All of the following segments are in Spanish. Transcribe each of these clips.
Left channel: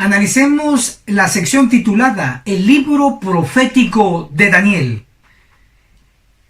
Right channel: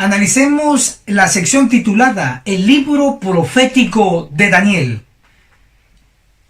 Analicemos la sección titulada El libro profético de Daniel.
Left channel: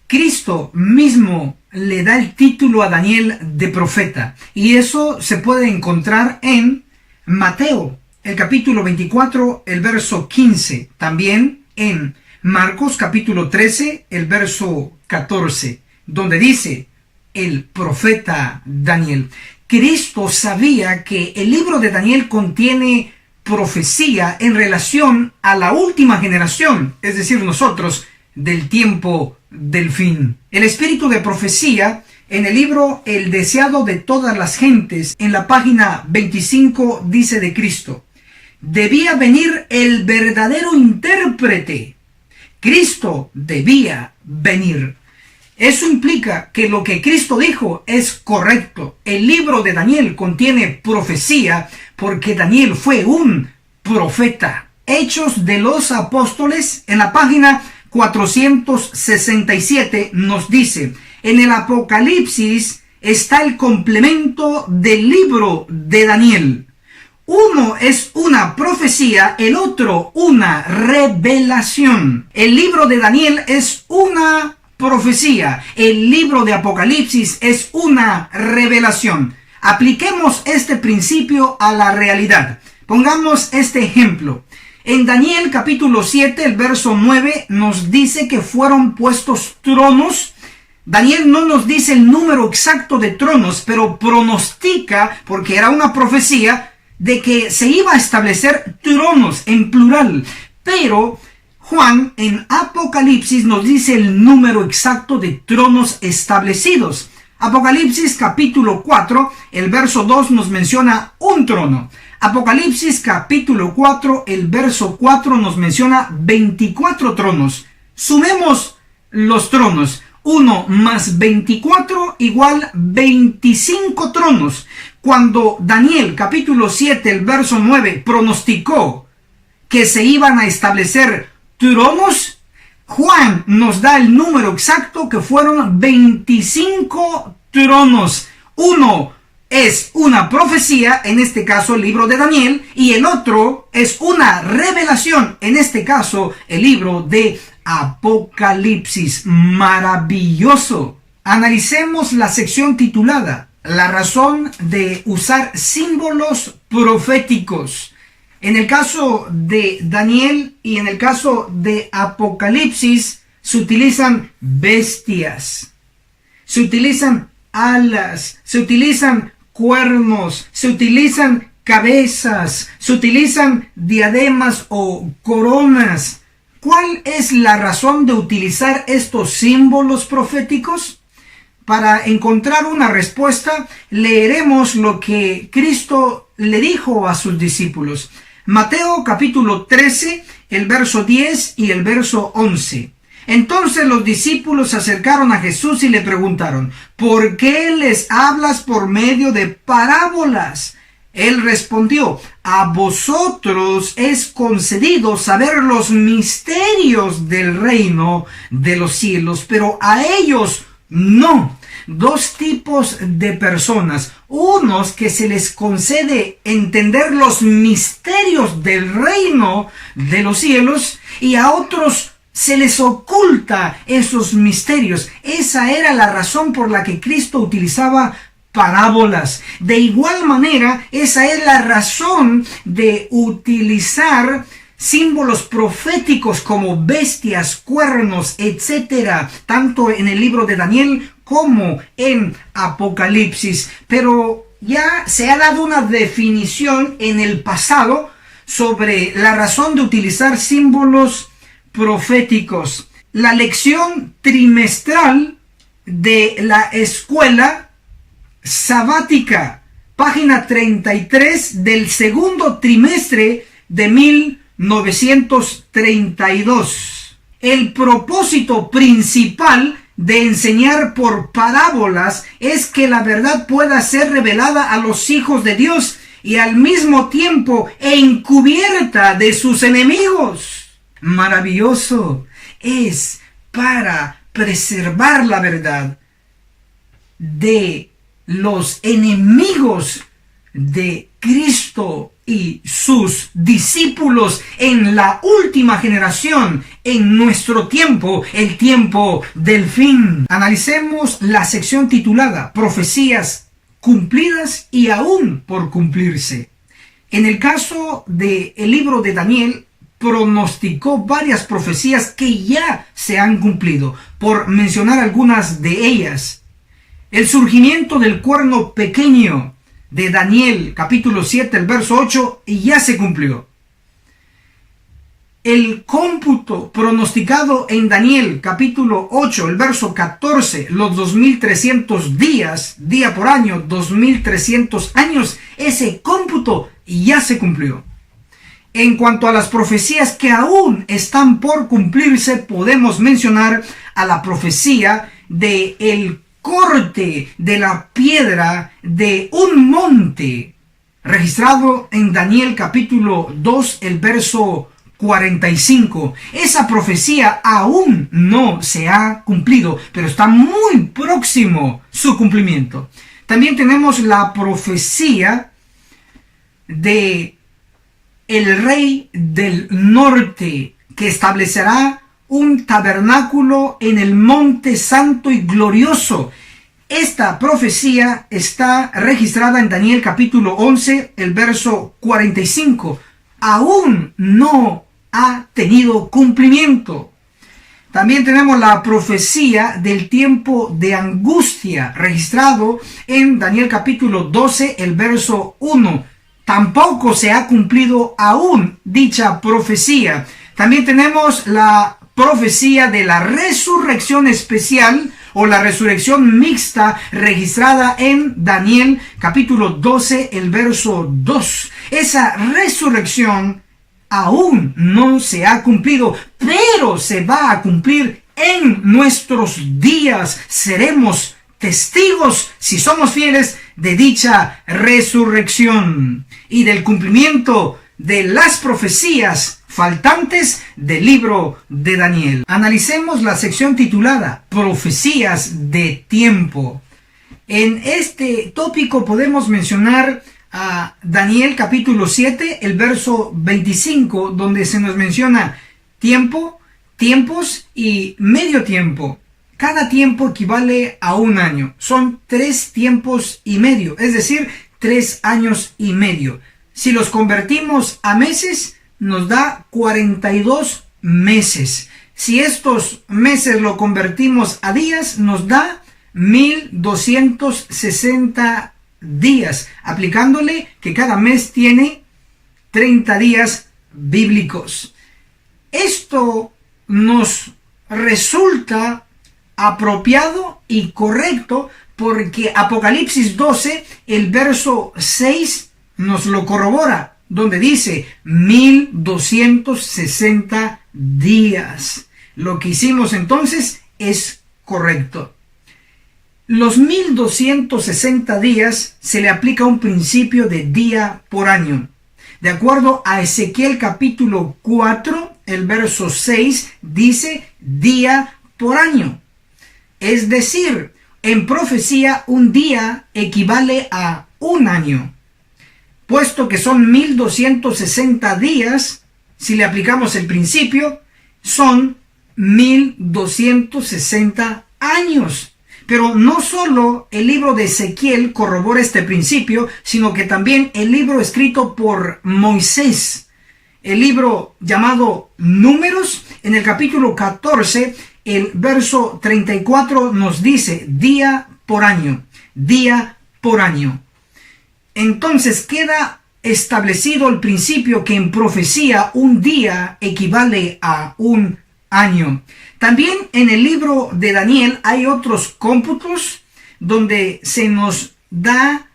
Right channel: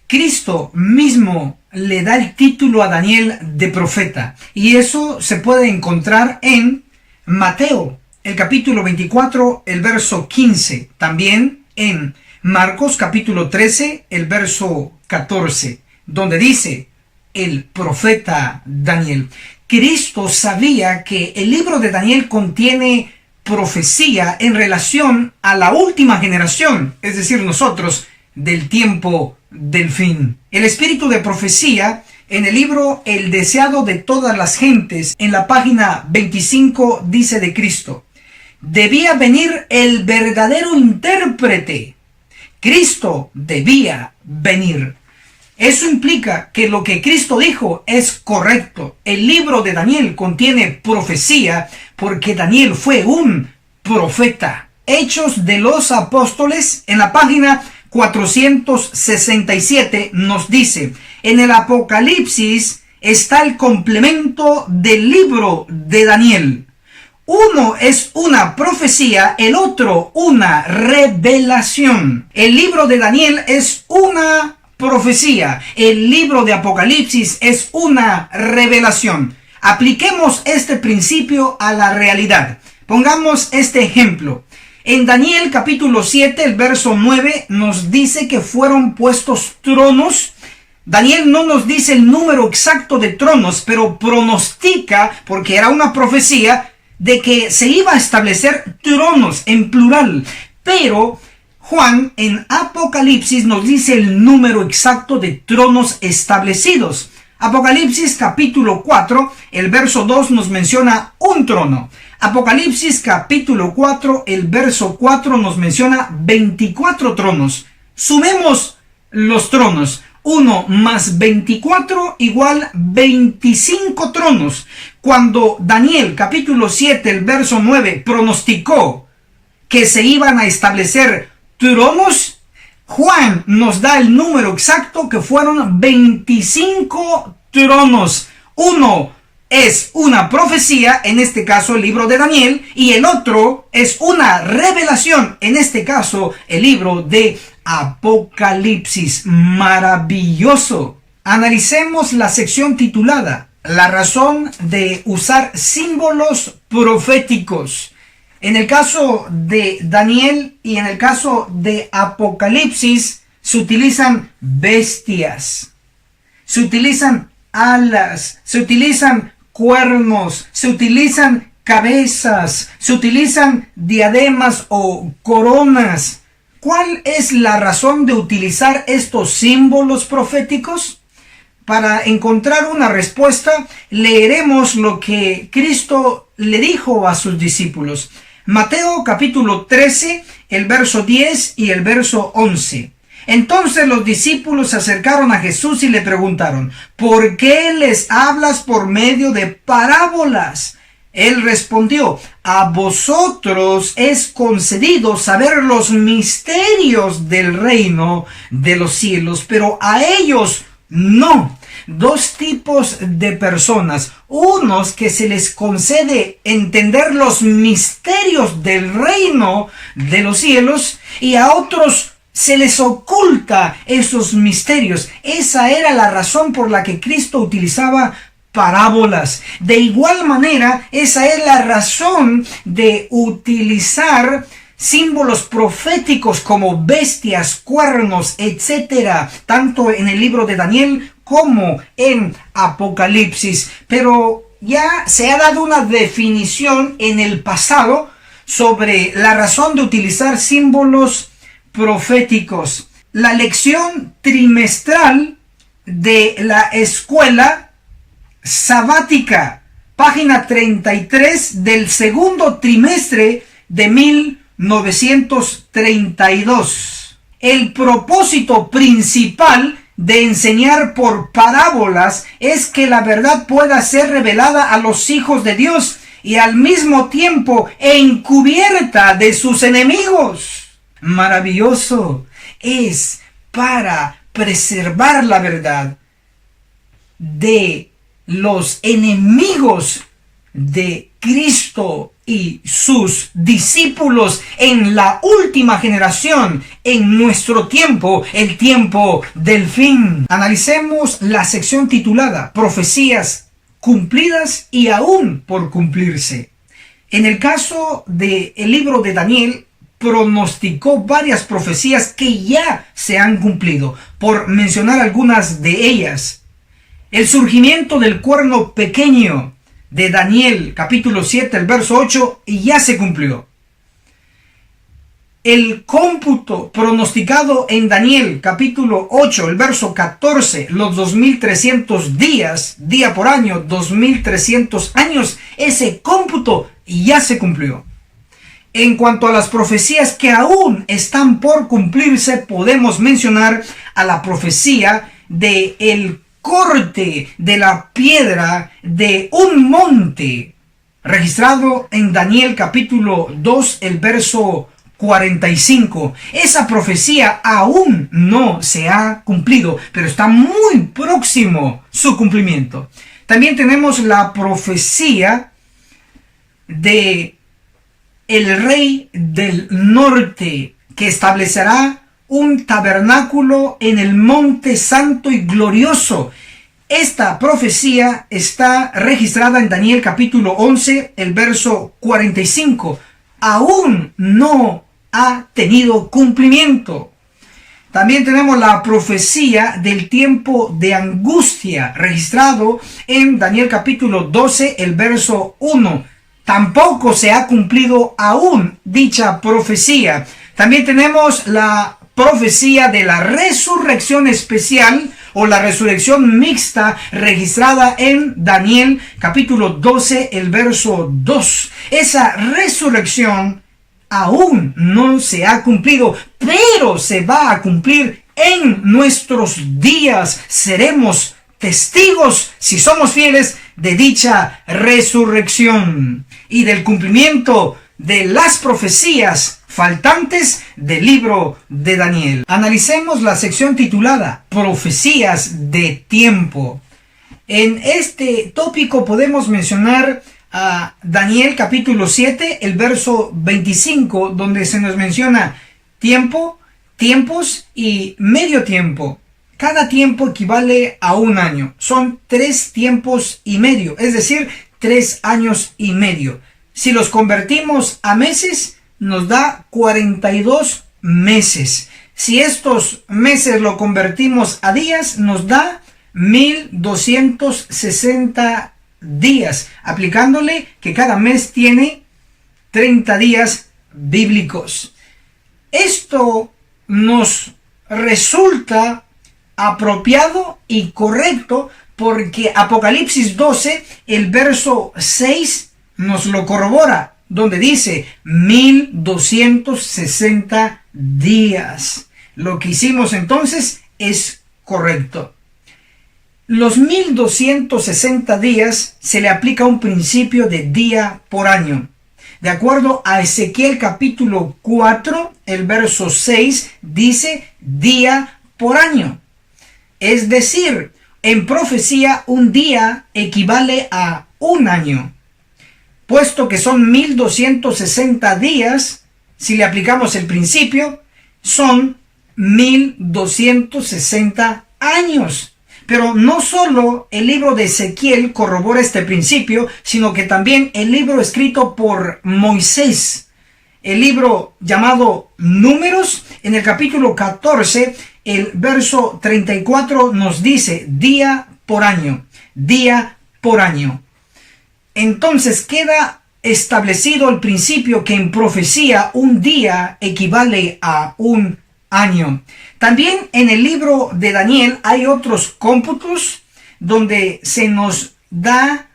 Cristo mismo le da el título a Daniel de profeta, y eso se puede encontrar en Mateo, el capítulo 24, el verso 15, también en Marcos capítulo 13, el verso 14, donde dice el profeta Daniel. Cristo sabía que el libro de Daniel contiene profecía en relación a la última generación, es decir, nosotros, del tiempo del fin. El espíritu de profecía en el libro El deseado de todas las gentes, en la página 25, dice de Cristo: debía venir el verdadero intérprete. Cristo debía venir. Eso implica que lo que Cristo dijo es correcto. El libro de Daniel contiene profecía porque Daniel fue un profeta. Hechos de los Apóstoles, en la página 467, nos dice: en el Apocalipsis está el complemento del libro de Daniel. Uno es una profecía, el otro una revelación. El libro de Daniel es una profecía, el libro de Apocalipsis es una revelación. Apliquemos este principio a la realidad. Pongamos este ejemplo. En Daniel capítulo 7, el verso 9, nos dice que fueron puestos tronos. Daniel no nos dice el número exacto de tronos, pero pronostica, porque era una profecía, de que se iba a establecer tronos en plural. Pero Juan en Apocalipsis nos dice el número exacto de tronos establecidos. Apocalipsis capítulo 4, el verso 2 nos menciona un trono. Apocalipsis capítulo 4, el verso 4 nos menciona 24 tronos. Sumemos los tronos. 1 más 24 igual 25 tronos. Cuando Daniel capítulo 7, el verso 9 pronosticó que se iban a establecer tronos, Juan nos da el número exacto, que fueron 25 tronos. Uno es una profecía, en este caso el libro de Daniel, y el otro es una revelación, en este caso el libro de Apocalipsis. Maravilloso. Analicemos la sección titulada La razón de usar símbolos proféticos. En el caso de Daniel y en el caso de Apocalipsis se utilizan bestias, se utilizan alas, se utilizan cuernos, se utilizan cabezas, se utilizan diademas o coronas. ¿Cuál es la razón de utilizar estos símbolos proféticos? Para encontrar una respuesta, leeremos lo que Cristo le dijo a sus discípulos. Mateo capítulo 13, el verso 10 y el verso 11. Entonces los discípulos se acercaron a Jesús y le preguntaron: ¿por qué les hablas por medio de parábolas? Él respondió: a vosotros es concedido saber los misterios del reino de los cielos, pero a ellos no. Dos tipos de personas: unos que se les concede entender los misterios del reino de los cielos, y a otros se les oculta esos misterios. Esa era la razón por la que Cristo utilizaba parábolas. De igual manera, esa es la razón de utilizar símbolos proféticos como bestias, cuernos, etc., tanto en el libro de Daniel como en Apocalipsis. Pero ya se ha dado una definición en el pasado sobre la razón de utilizar símbolos proféticos. La lección trimestral de la escuela sabática, página 33 del segundo trimestre de 1932. El propósito principal de enseñar por parábolas es que la verdad pueda ser revelada a los hijos de Dios y al mismo tiempo encubierta de sus enemigos. Maravilloso. Es para preservar la verdad de los enemigos de Cristo y sus discípulos en la última generación, en nuestro tiempo, el tiempo del fin. Analicemos la sección titulada Profecías cumplidas y aún por cumplirse. En el caso del libro de Daniel, pronosticó varias profecías que ya se han cumplido. Por mencionar algunas de ellas: el surgimiento del cuerno pequeño de Daniel, capítulo 7, el verso 8, ya se cumplió. El cómputo pronosticado en Daniel, capítulo 8, el verso 14, los 2300 días, día por año, 2300 años, ese cómputo ya se cumplió. En cuanto a las profecías que aún están por cumplirse, podemos mencionar a la profecía de el corte de la piedra de un monte, registrado en Daniel capítulo 2, el verso 45. Esa profecía aún no se ha cumplido, pero está muy próximo su cumplimiento. También tenemos la profecía de el rey del norte, que establecerá un tabernáculo en el monte santo y glorioso. Esta profecía está registrada en Daniel capítulo 11, el verso 45. Aún no ha tenido cumplimiento. También tenemos la profecía del tiempo de angustia, registrado en Daniel capítulo 12, el verso 1. Tampoco se ha cumplido aún dicha profecía. También tenemos la profecía de la resurrección especial o la resurrección mixta, registrada en Daniel capítulo 12, el verso 2. Esa resurrección aún no se ha cumplido, pero se va a cumplir en nuestros días. Seremos testigos, si somos fieles, de dicha resurrección y del cumplimiento de las profecías faltantes del libro de Daniel. Analicemos la sección titulada Profecías de tiempo. En este tópico podemos mencionar a Daniel capítulo 7, el verso 25, donde se nos menciona tiempo, tiempos y medio tiempo. Cada tiempo equivale a un año. Son 3 tiempos y medio, es decir, 3 años y medio. Si los convertimos a meses, nos da 42 meses. Si estos meses lo convertimos a días, nos da 1260 días, aplicándole que cada mes tiene 30 días bíblicos. Esto nos resulta apropiado y correcto porque Apocalipsis 12, el verso 6 nos lo corrobora, donde dice 1260 días. Lo que hicimos entonces es correcto. Los 1260 días se le aplica un principio de día por año. De acuerdo a Ezequiel capítulo 4, el verso 6 dice día por año. Es decir, en profecía un día equivale a un año. Puesto que son 1260 días, si le aplicamos el principio, son 1260 años. Pero no solo el libro de Ezequiel corrobora este principio, sino que también el libro escrito por Moisés, el libro llamado Números, en el capítulo 14, el verso 34 nos dice día por año, día por año. Entonces queda establecido el principio que en profecía un día equivale a un año. También en el libro de Daniel hay otros cómputos donde se nos da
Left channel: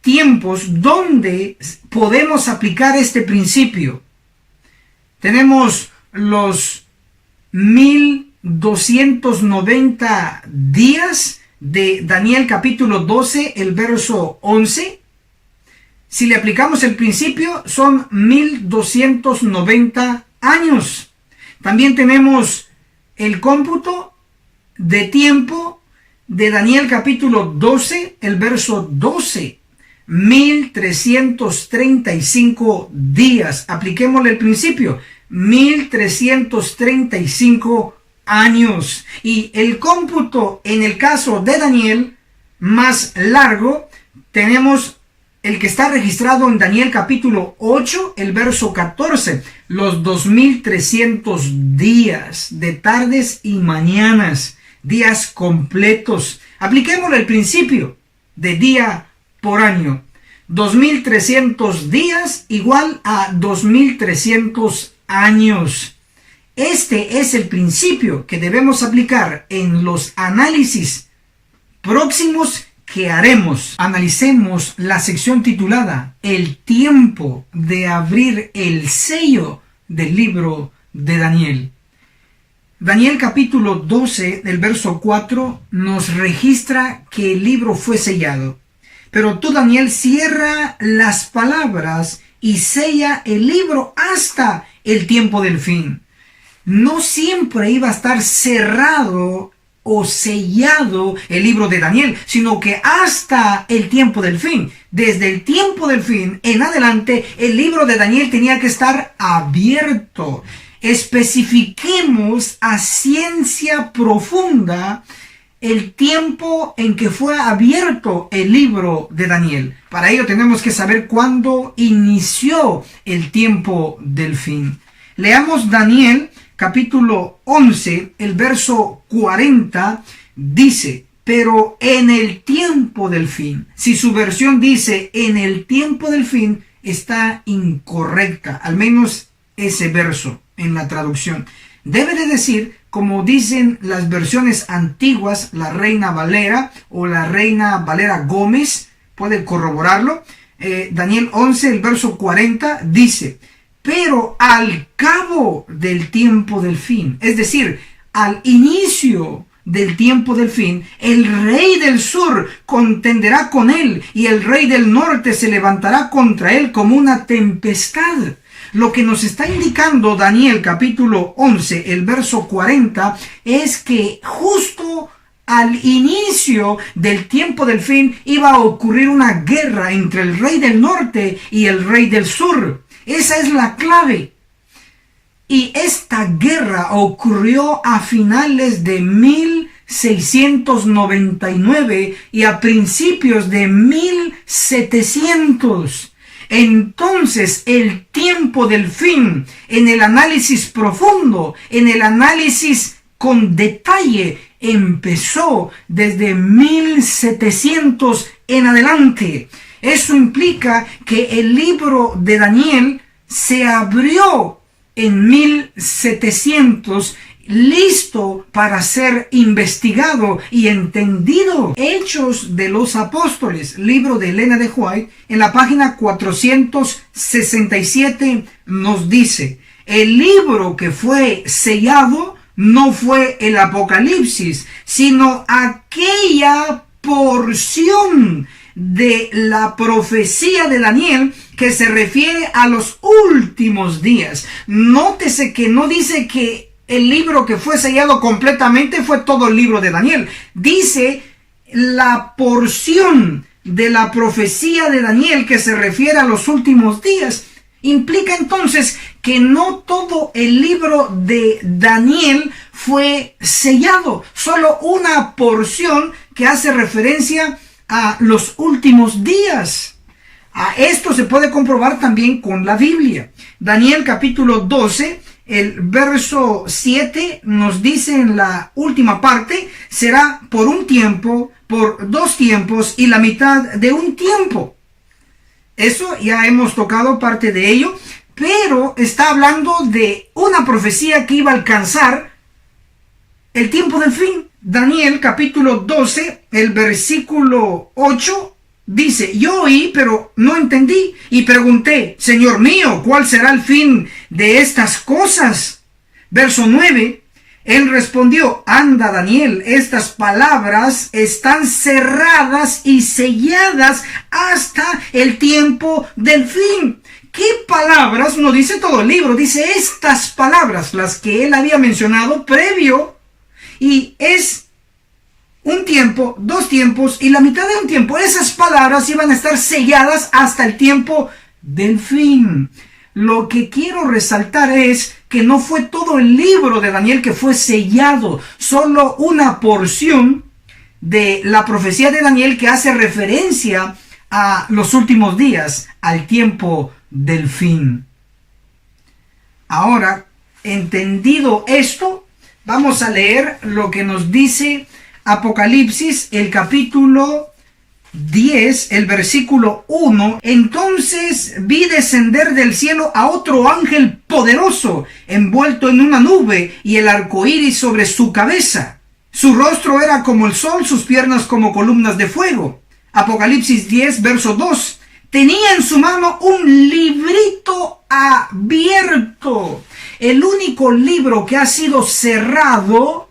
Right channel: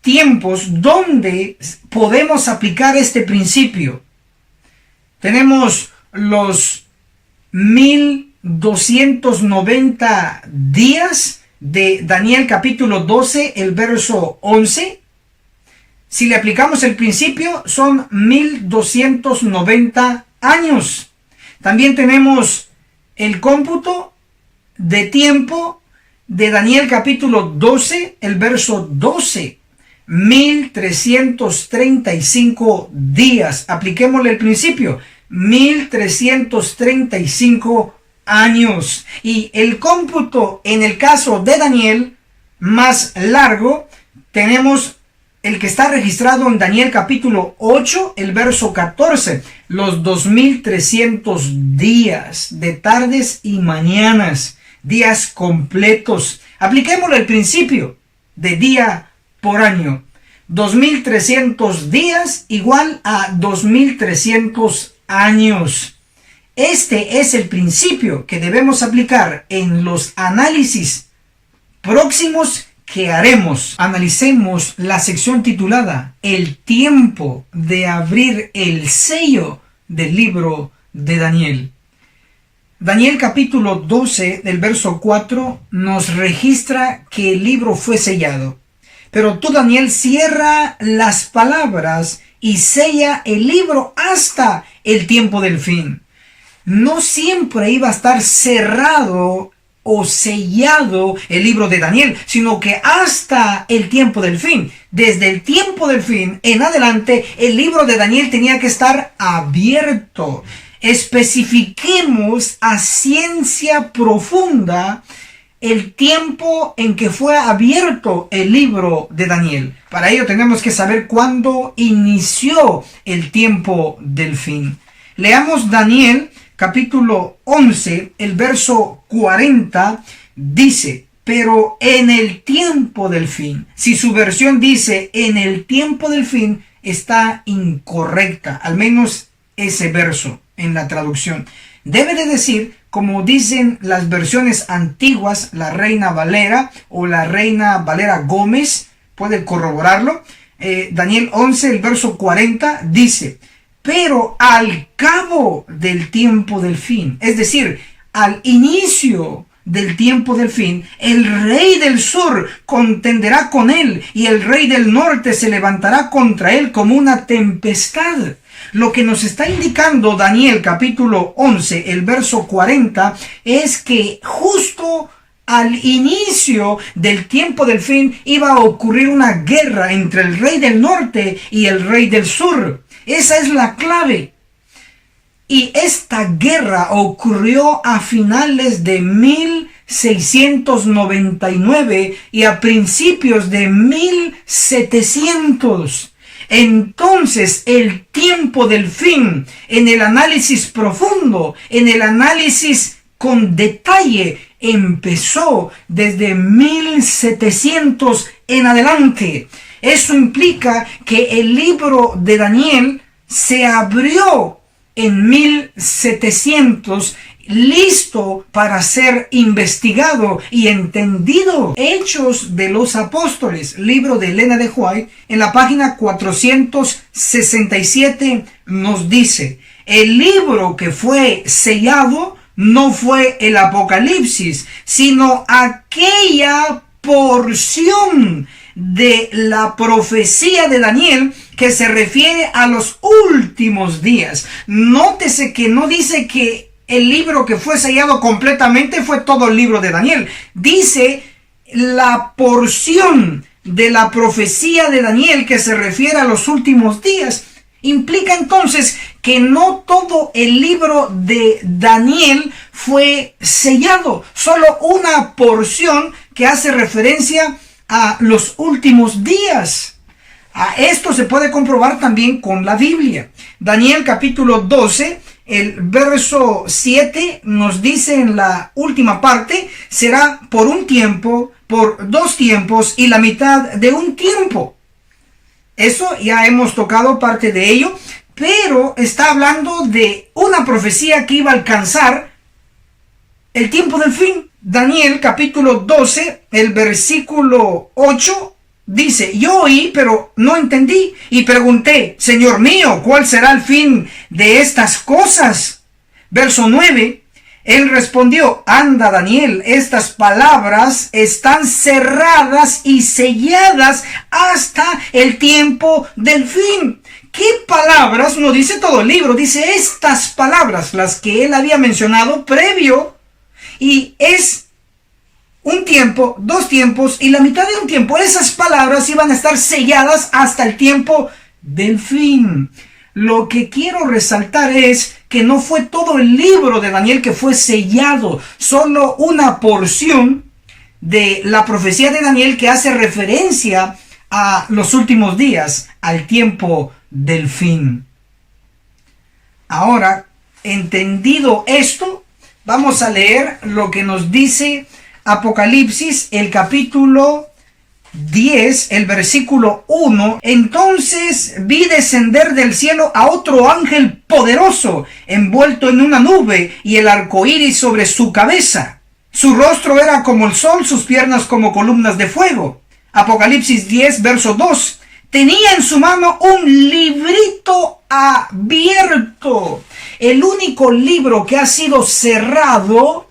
tiempos donde podemos aplicar este principio. Tenemos los 1290 días de Daniel capítulo 12, el verso 11. Si le aplicamos el principio, son 1290 años. También tenemos el cómputo de tiempo de Daniel capítulo 12, el verso 12. 1335 días. Apliquémosle el principio. 1335 años. Y el cómputo en el caso de Daniel más largo, tenemos el que está registrado en Daniel capítulo 8, el verso 14, los 2300 días de tardes y mañanas, días completos. Apliquémosle el principio de día por año. 2300 días igual a 2300 años. Este es el principio que debemos aplicar en los análisis próximos que haremos. Analicemos la sección titulada El tiempo de abrir el sello del libro de Daniel. Daniel capítulo 12, del verso 4, nos registra que el libro fue sellado. Pero tú, Daniel, cierra las palabras y sella el libro hasta el tiempo del fin. No siempre iba a estar cerrado o sellado el libro de Daniel, sino que hasta el tiempo del fin. Desde el tiempo del fin en adelante, el libro de Daniel tenía que estar abierto. Especifiquemos a ciencia profunda el tiempo en que fue abierto el libro de Daniel. Para ello tenemos que saber cuándo inició el tiempo del fin. Leamos Daniel capítulo 11, el verso 40, dice, pero en el tiempo del fin. Si su versión dice en el tiempo del fin, está incorrecta, al menos ese verso en la traducción. Debe de decir, como dicen las versiones antiguas, la Reina Valera o la Reina Valera Gómez, pueden corroborarlo. Daniel 11, el verso 40, dice, pero al cabo del tiempo del fin, es decir, al inicio del tiempo del fin, el rey del sur contenderá con él y el rey del norte se levantará contra él como una tempestad. Lo que nos está indicando Daniel capítulo 11, el verso 40, es que justo al inicio del tiempo del fin iba a ocurrir una guerra entre el rey del norte y el rey del sur. Esa es la clave. Y esta guerra ocurrió a finales de 1699 y a principios de 1700. Entonces, el tiempo del fin, en el análisis profundo, en el análisis con detalle, empezó desde 1700 en adelante. Eso implica que el libro de Daniel se abrió en 1700, listo para ser investigado y entendido. Hechos de los Apóstoles, libro de Elena de White, en la página 467 nos dice, el libro que fue sellado no fue el Apocalipsis, sino aquella porción de la profecía de Daniel que se refiere a los últimos días. Nótese que no dice que el libro que fue sellado completamente fue todo el libro de Daniel. Dice la porción de la profecía de Daniel que se refiere a los últimos días. Implica entonces que no todo el libro de Daniel fue sellado, solo una porción que hace referencia a los últimos días. A esto se puede comprobar también con la Biblia. Daniel capítulo 12, el verso 7 nos dice en la última parte, será por un tiempo, por 2 tiempos y la mitad de un tiempo. Eso ya hemos tocado parte de ello, pero está hablando de una profecía que iba a alcanzar el tiempo del fin. Daniel capítulo 12, el versículo 8 dice, yo oí, pero no entendí, y pregunté, Señor mío, ¿cuál será el fin de estas cosas? Verso 9, él respondió, anda Daniel, estas palabras están cerradas y selladas hasta el tiempo del fin. ¿Qué palabras? No dice todo el libro, dice estas palabras, las que él había mencionado previo. Y es un tiempo, 2 tiempos y la mitad de un tiempo. Esas palabras iban a estar selladas hasta el tiempo del fin. Lo que quiero resaltar es que no fue todo el libro de Daniel que fue sellado, solo una porción de la profecía de Daniel que hace referencia a los últimos días, al tiempo del fin. Ahora, entendido esto, vamos a leer lo que nos dice Apocalipsis, el capítulo 10, el versículo 1. Entonces vi descender del cielo a otro ángel poderoso, envuelto en una nube, y el arco iris sobre su cabeza. Su rostro era como el sol, sus piernas como columnas de fuego. Apocalipsis 10, verso 2. Tenía en su mano un librito abierto. El único libro que ha sido cerrado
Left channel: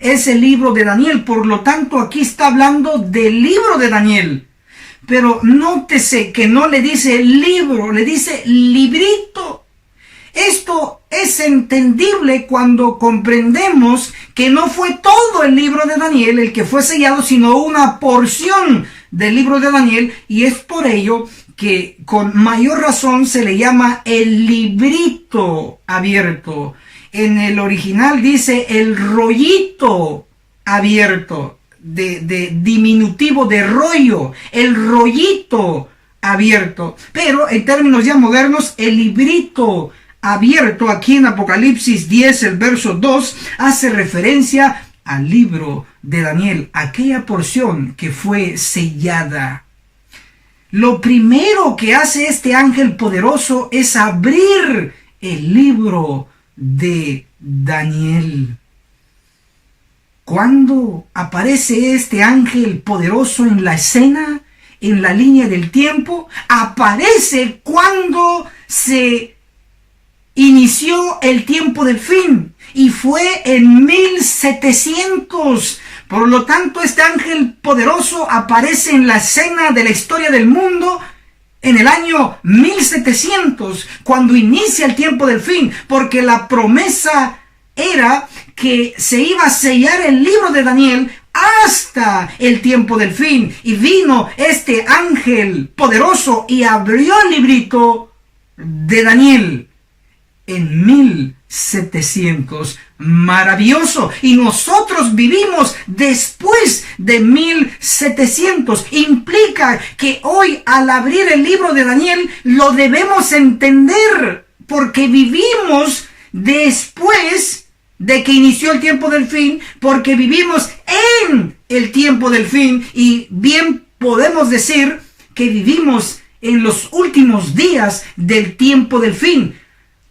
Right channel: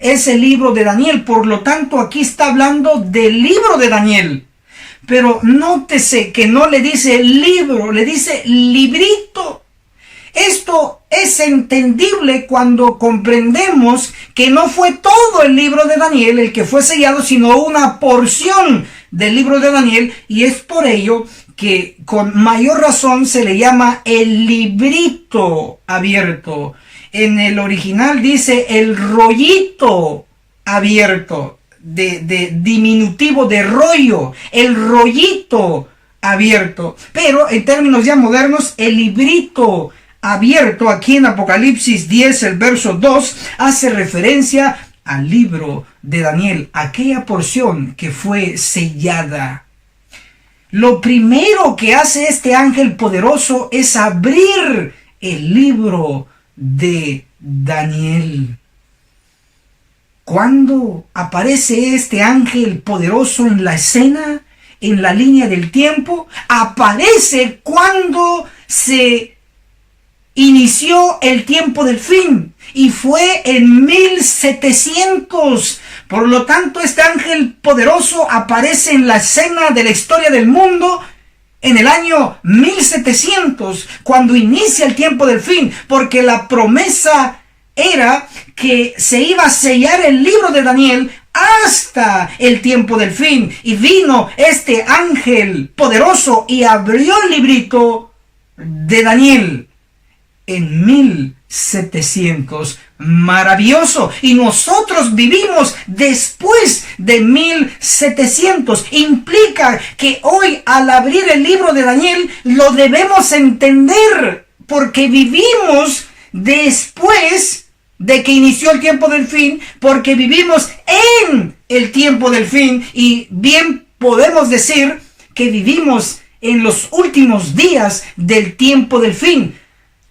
es el libro de Daniel. Por lo tanto, aquí está hablando del libro de Daniel. Pero nótese que no le dice libro, le dice librito. Esto es entendible cuando comprendemos que no fue todo el libro de Daniel el que fue sellado, sino una porción del libro de Daniel, y es por ello que con mayor razón se le llama el librito abierto. En el original dice el rollito abierto, de diminutivo de rollo, el rollito abierto. Pero en términos ya modernos, el librito abierto aquí en Apocalipsis 10, el verso 2, hace referencia al libro de Daniel, aquella porción que fue sellada. Lo primero que hace este ángel poderoso es abrir el libro de Daniel. ¿Cuándo aparece este ángel poderoso en la escena, en la línea del tiempo? Aparece cuando se inició el tiempo del fin, y fue en 1700. Por lo tanto, este ángel poderoso aparece en la escena de la historia del mundo en el año 1700, cuando inicia el tiempo del fin, porque la promesa era que se iba a sellar el libro de Daniel hasta el tiempo del fin. Y vino este ángel poderoso y abrió el librito de Daniel en 1700. Maravilloso. Y nosotros vivimos después de 1700. Implica que hoy, al abrir el libro de Daniel, lo debemos entender, porque vivimos después de que inició el tiempo del fin, porque vivimos en el tiempo del fin, y bien podemos decir que vivimos en los últimos días del tiempo del fin.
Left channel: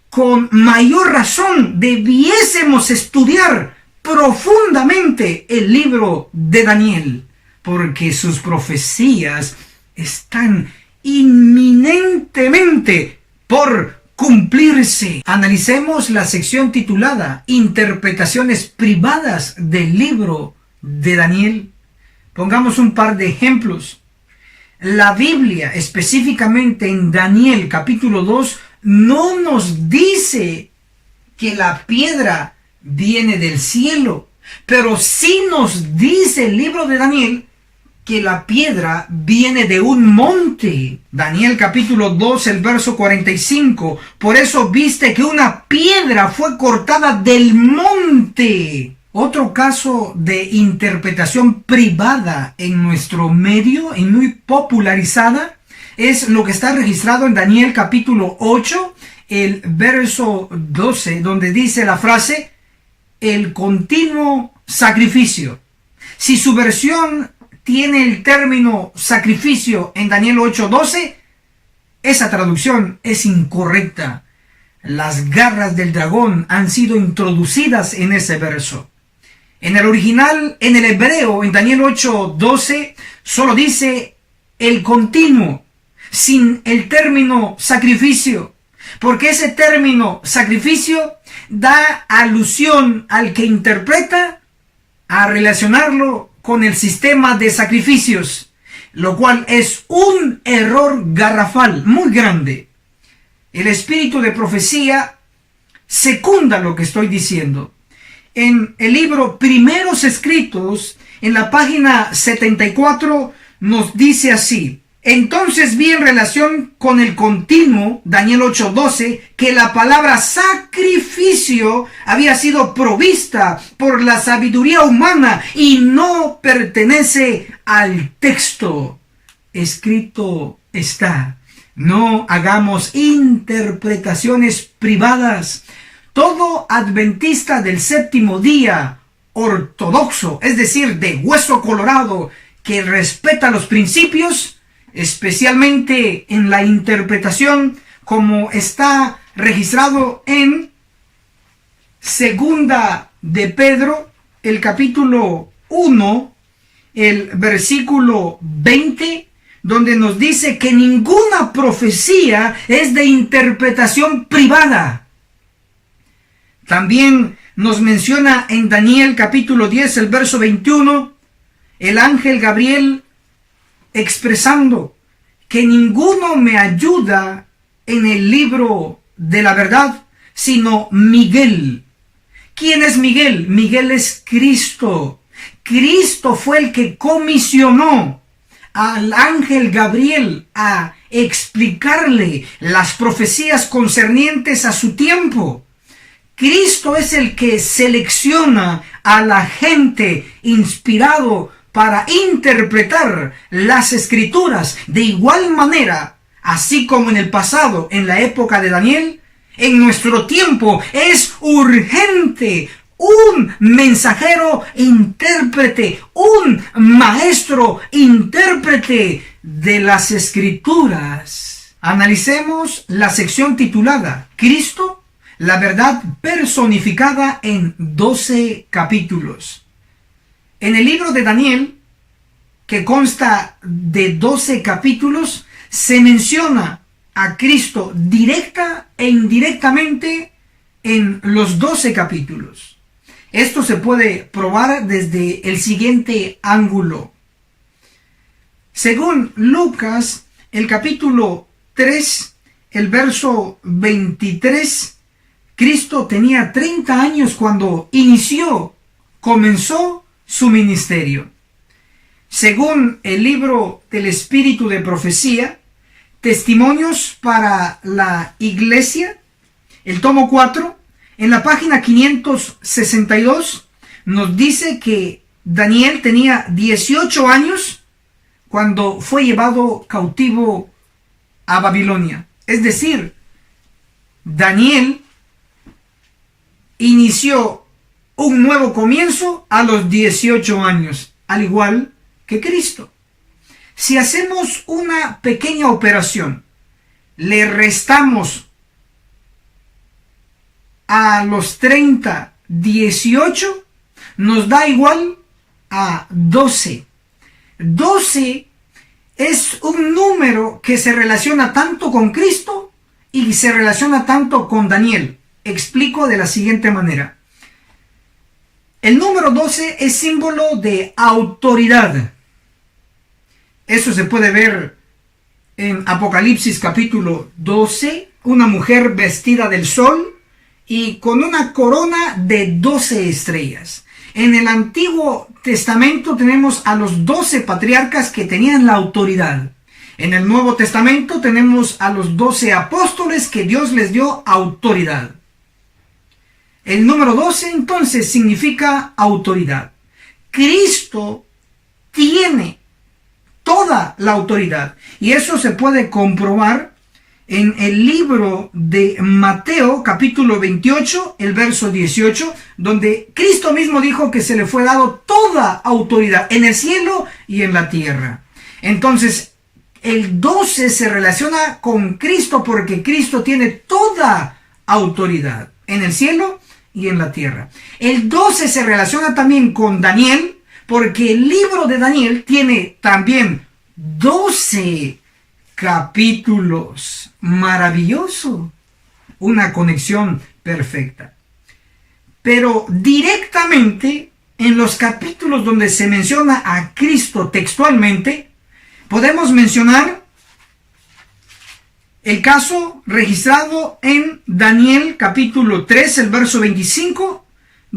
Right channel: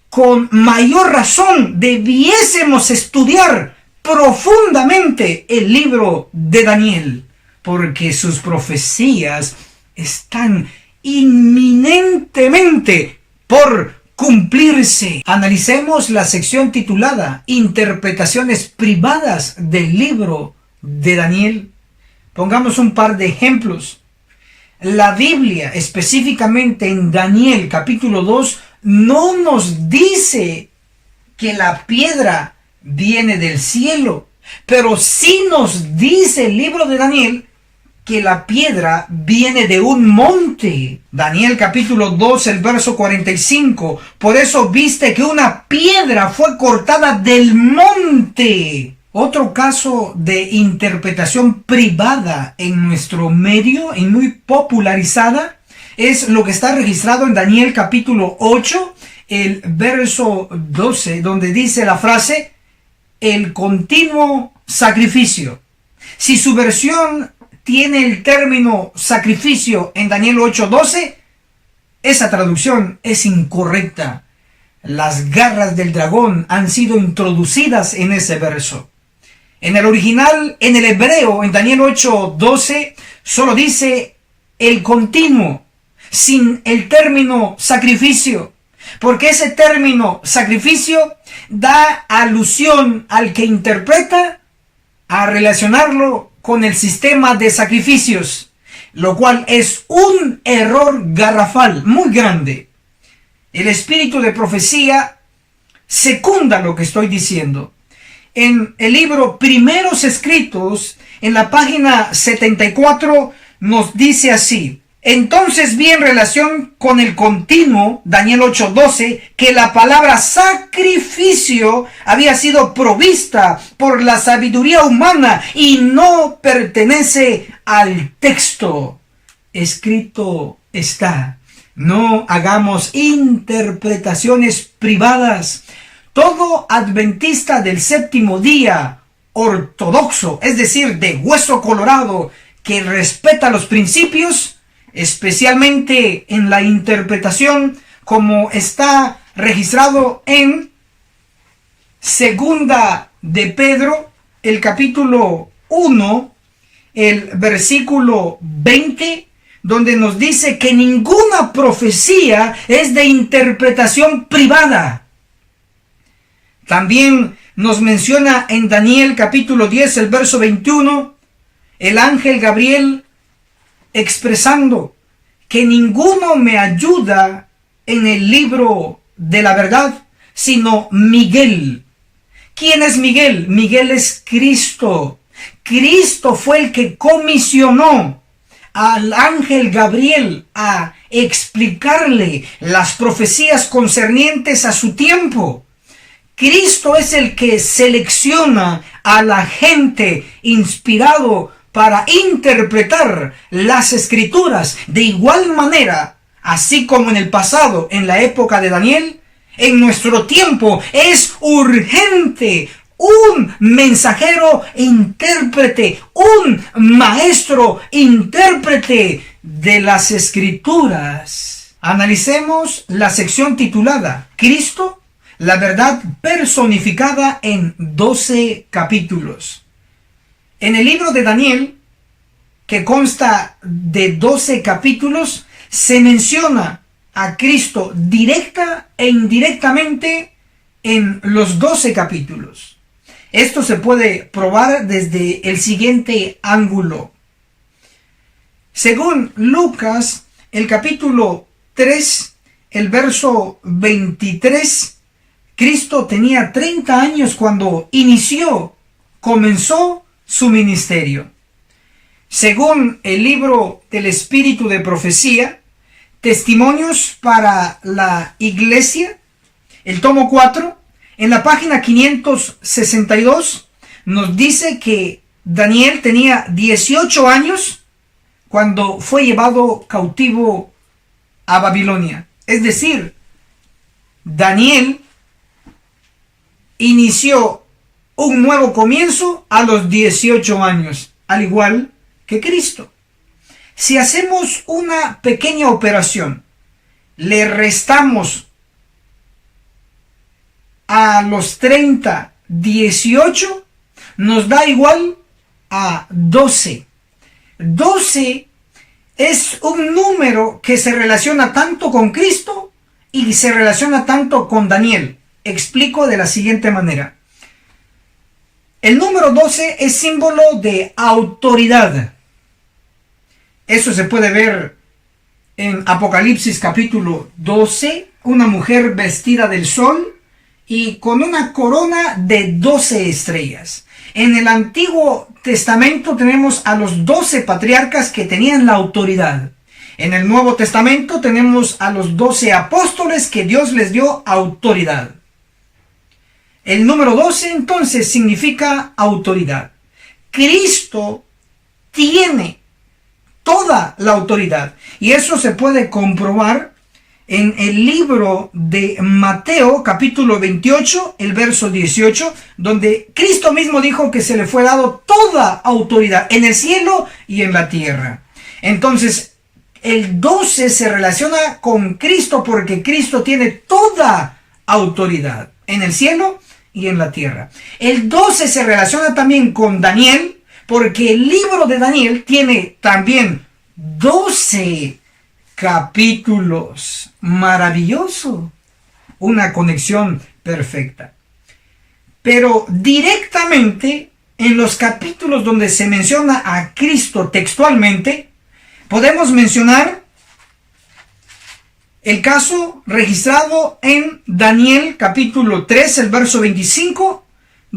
Con mayor razón debiésemos estudiar profundamente el libro de Daniel, porque sus profecías están inminentemente por cumplirse. Analicemos la sección titulada Interpretaciones privadas del libro de Daniel. Pongamos un par de ejemplos. La Biblia, específicamente en Daniel capítulo 2, no nos dice que la piedra viene del cielo, pero sí nos dice el libro de Daniel que la piedra viene de un monte. Daniel capítulo 2, el verso 45. Por eso viste que una piedra fue cortada del monte. Otro caso de interpretación privada en nuestro medio y muy popularizada es lo que está registrado en Daniel capítulo 8, el verso 12, donde dice la frase, el continuo sacrificio. Si su versión tiene el término sacrificio en Daniel 8:12, esa traducción es incorrecta. Las garras del dragón han sido introducidas en ese verso. En el original, en el hebreo, en Daniel 8:12, solo dice el continuo, sin el término sacrificio, porque ese término sacrificio da alusión al que interpreta a relacionarlo con el sistema de sacrificios, lo cual es un error garrafal muy grande. El espíritu de profecía secunda lo que estoy diciendo. En el libro Primeros Escritos, en la página 74 nos dice así: entonces vi en relación con el continuo, Daniel 8:12, que la palabra sacrificio había sido provista por la sabiduría humana y no pertenece al texto. Escrito está: no hagamos interpretaciones privadas. Todo adventista del séptimo día, ortodoxo, es decir, de hueso colorado, que respeta los principios, especialmente en la interpretación, como está registrado en Segunda de Pedro, el capítulo 1, el versículo 20, donde nos dice que ninguna profecía es de interpretación privada. También nos menciona en Daniel capítulo 10, el verso 21, el ángel Gabriel expresando que ninguno me ayuda en el libro de la verdad, sino Miguel. ¿Quién es Miguel? Miguel es Cristo. Cristo fue el que comisionó al ángel Gabriel a explicarle las profecías concernientes a su tiempo. Cristo es el que selecciona a la gente inspirado para interpretar las escrituras. De igual manera, así como en el pasado, en la época de Daniel, en nuestro tiempo es urgente un mensajero intérprete, un maestro intérprete de las escrituras. Analicemos la sección titulada Cristo, la verdad personificada en 12 capítulos. En el libro de Daniel, que consta de 12 capítulos, se menciona a Cristo directa e indirectamente en los 12 capítulos. Esto se puede probar desde el siguiente ángulo. Según Lucas, el capítulo 3, el verso 23, Cristo tenía 30 años cuando comenzó su ministerio. Según el libro del Espíritu de Profecía, Testimonios para la Iglesia, el tomo 4, en la página 562, nos dice que Daniel tenía 18 años cuando fue llevado cautivo a Babilonia. Es decir, Daniel inició un nuevo comienzo a los 18 años, al igual que Cristo. Si hacemos una pequeña operación, le restamos a los 30, 18, nos da igual a 12. 12 es un número que se relaciona tanto con Cristo y se relaciona tanto con Daniel. Explico de la siguiente manera. El número 12 es símbolo de autoridad. Eso se puede ver en Apocalipsis capítulo 12, una mujer vestida del sol y con una corona de 12 estrellas. En el Antiguo Testamento tenemos a los 12 patriarcas que tenían la autoridad. En el Nuevo Testamento tenemos a los 12 apóstoles que Dios les dio autoridad. El número 12 entonces significa autoridad. Cristo tiene toda la autoridad y eso se puede comprobar en el libro de Mateo capítulo 28, el verso 18, donde Cristo mismo dijo que se le fue dado toda autoridad en el cielo y en la tierra. Entonces, el 12 se relaciona con Cristo porque Cristo tiene toda autoridad en el cielo y en la tierra. El 12 se relaciona también con Daniel porque el libro de Daniel tiene también 12 capítulos. Maravilloso. Una conexión perfecta. Pero directamente en los capítulos donde se menciona a Cristo textualmente, podemos mencionar el caso registrado en Daniel capítulo 3, el verso 25,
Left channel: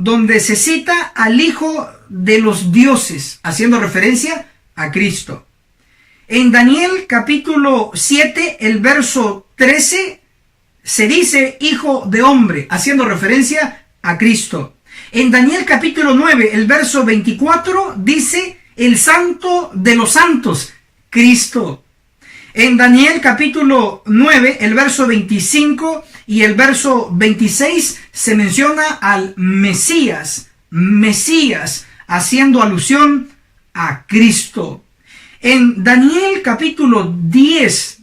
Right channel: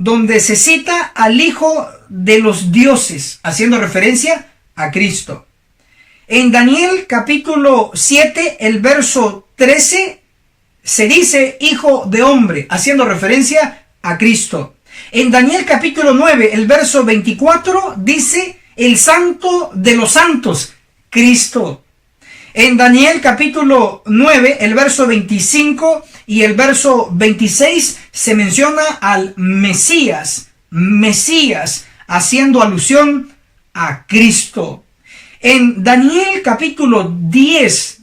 donde se cita al Hijo de los dioses, haciendo referencia a Cristo. En Daniel capítulo 7, el verso 13, se dice Hijo de hombre, haciendo referencia a Cristo. En Daniel capítulo 9, el verso 24, dice el Santo de los santos, Cristo. En Daniel capítulo 9, el verso 25 y el verso 26, se menciona al Mesías, haciendo alusión a Cristo. En Daniel capítulo 10,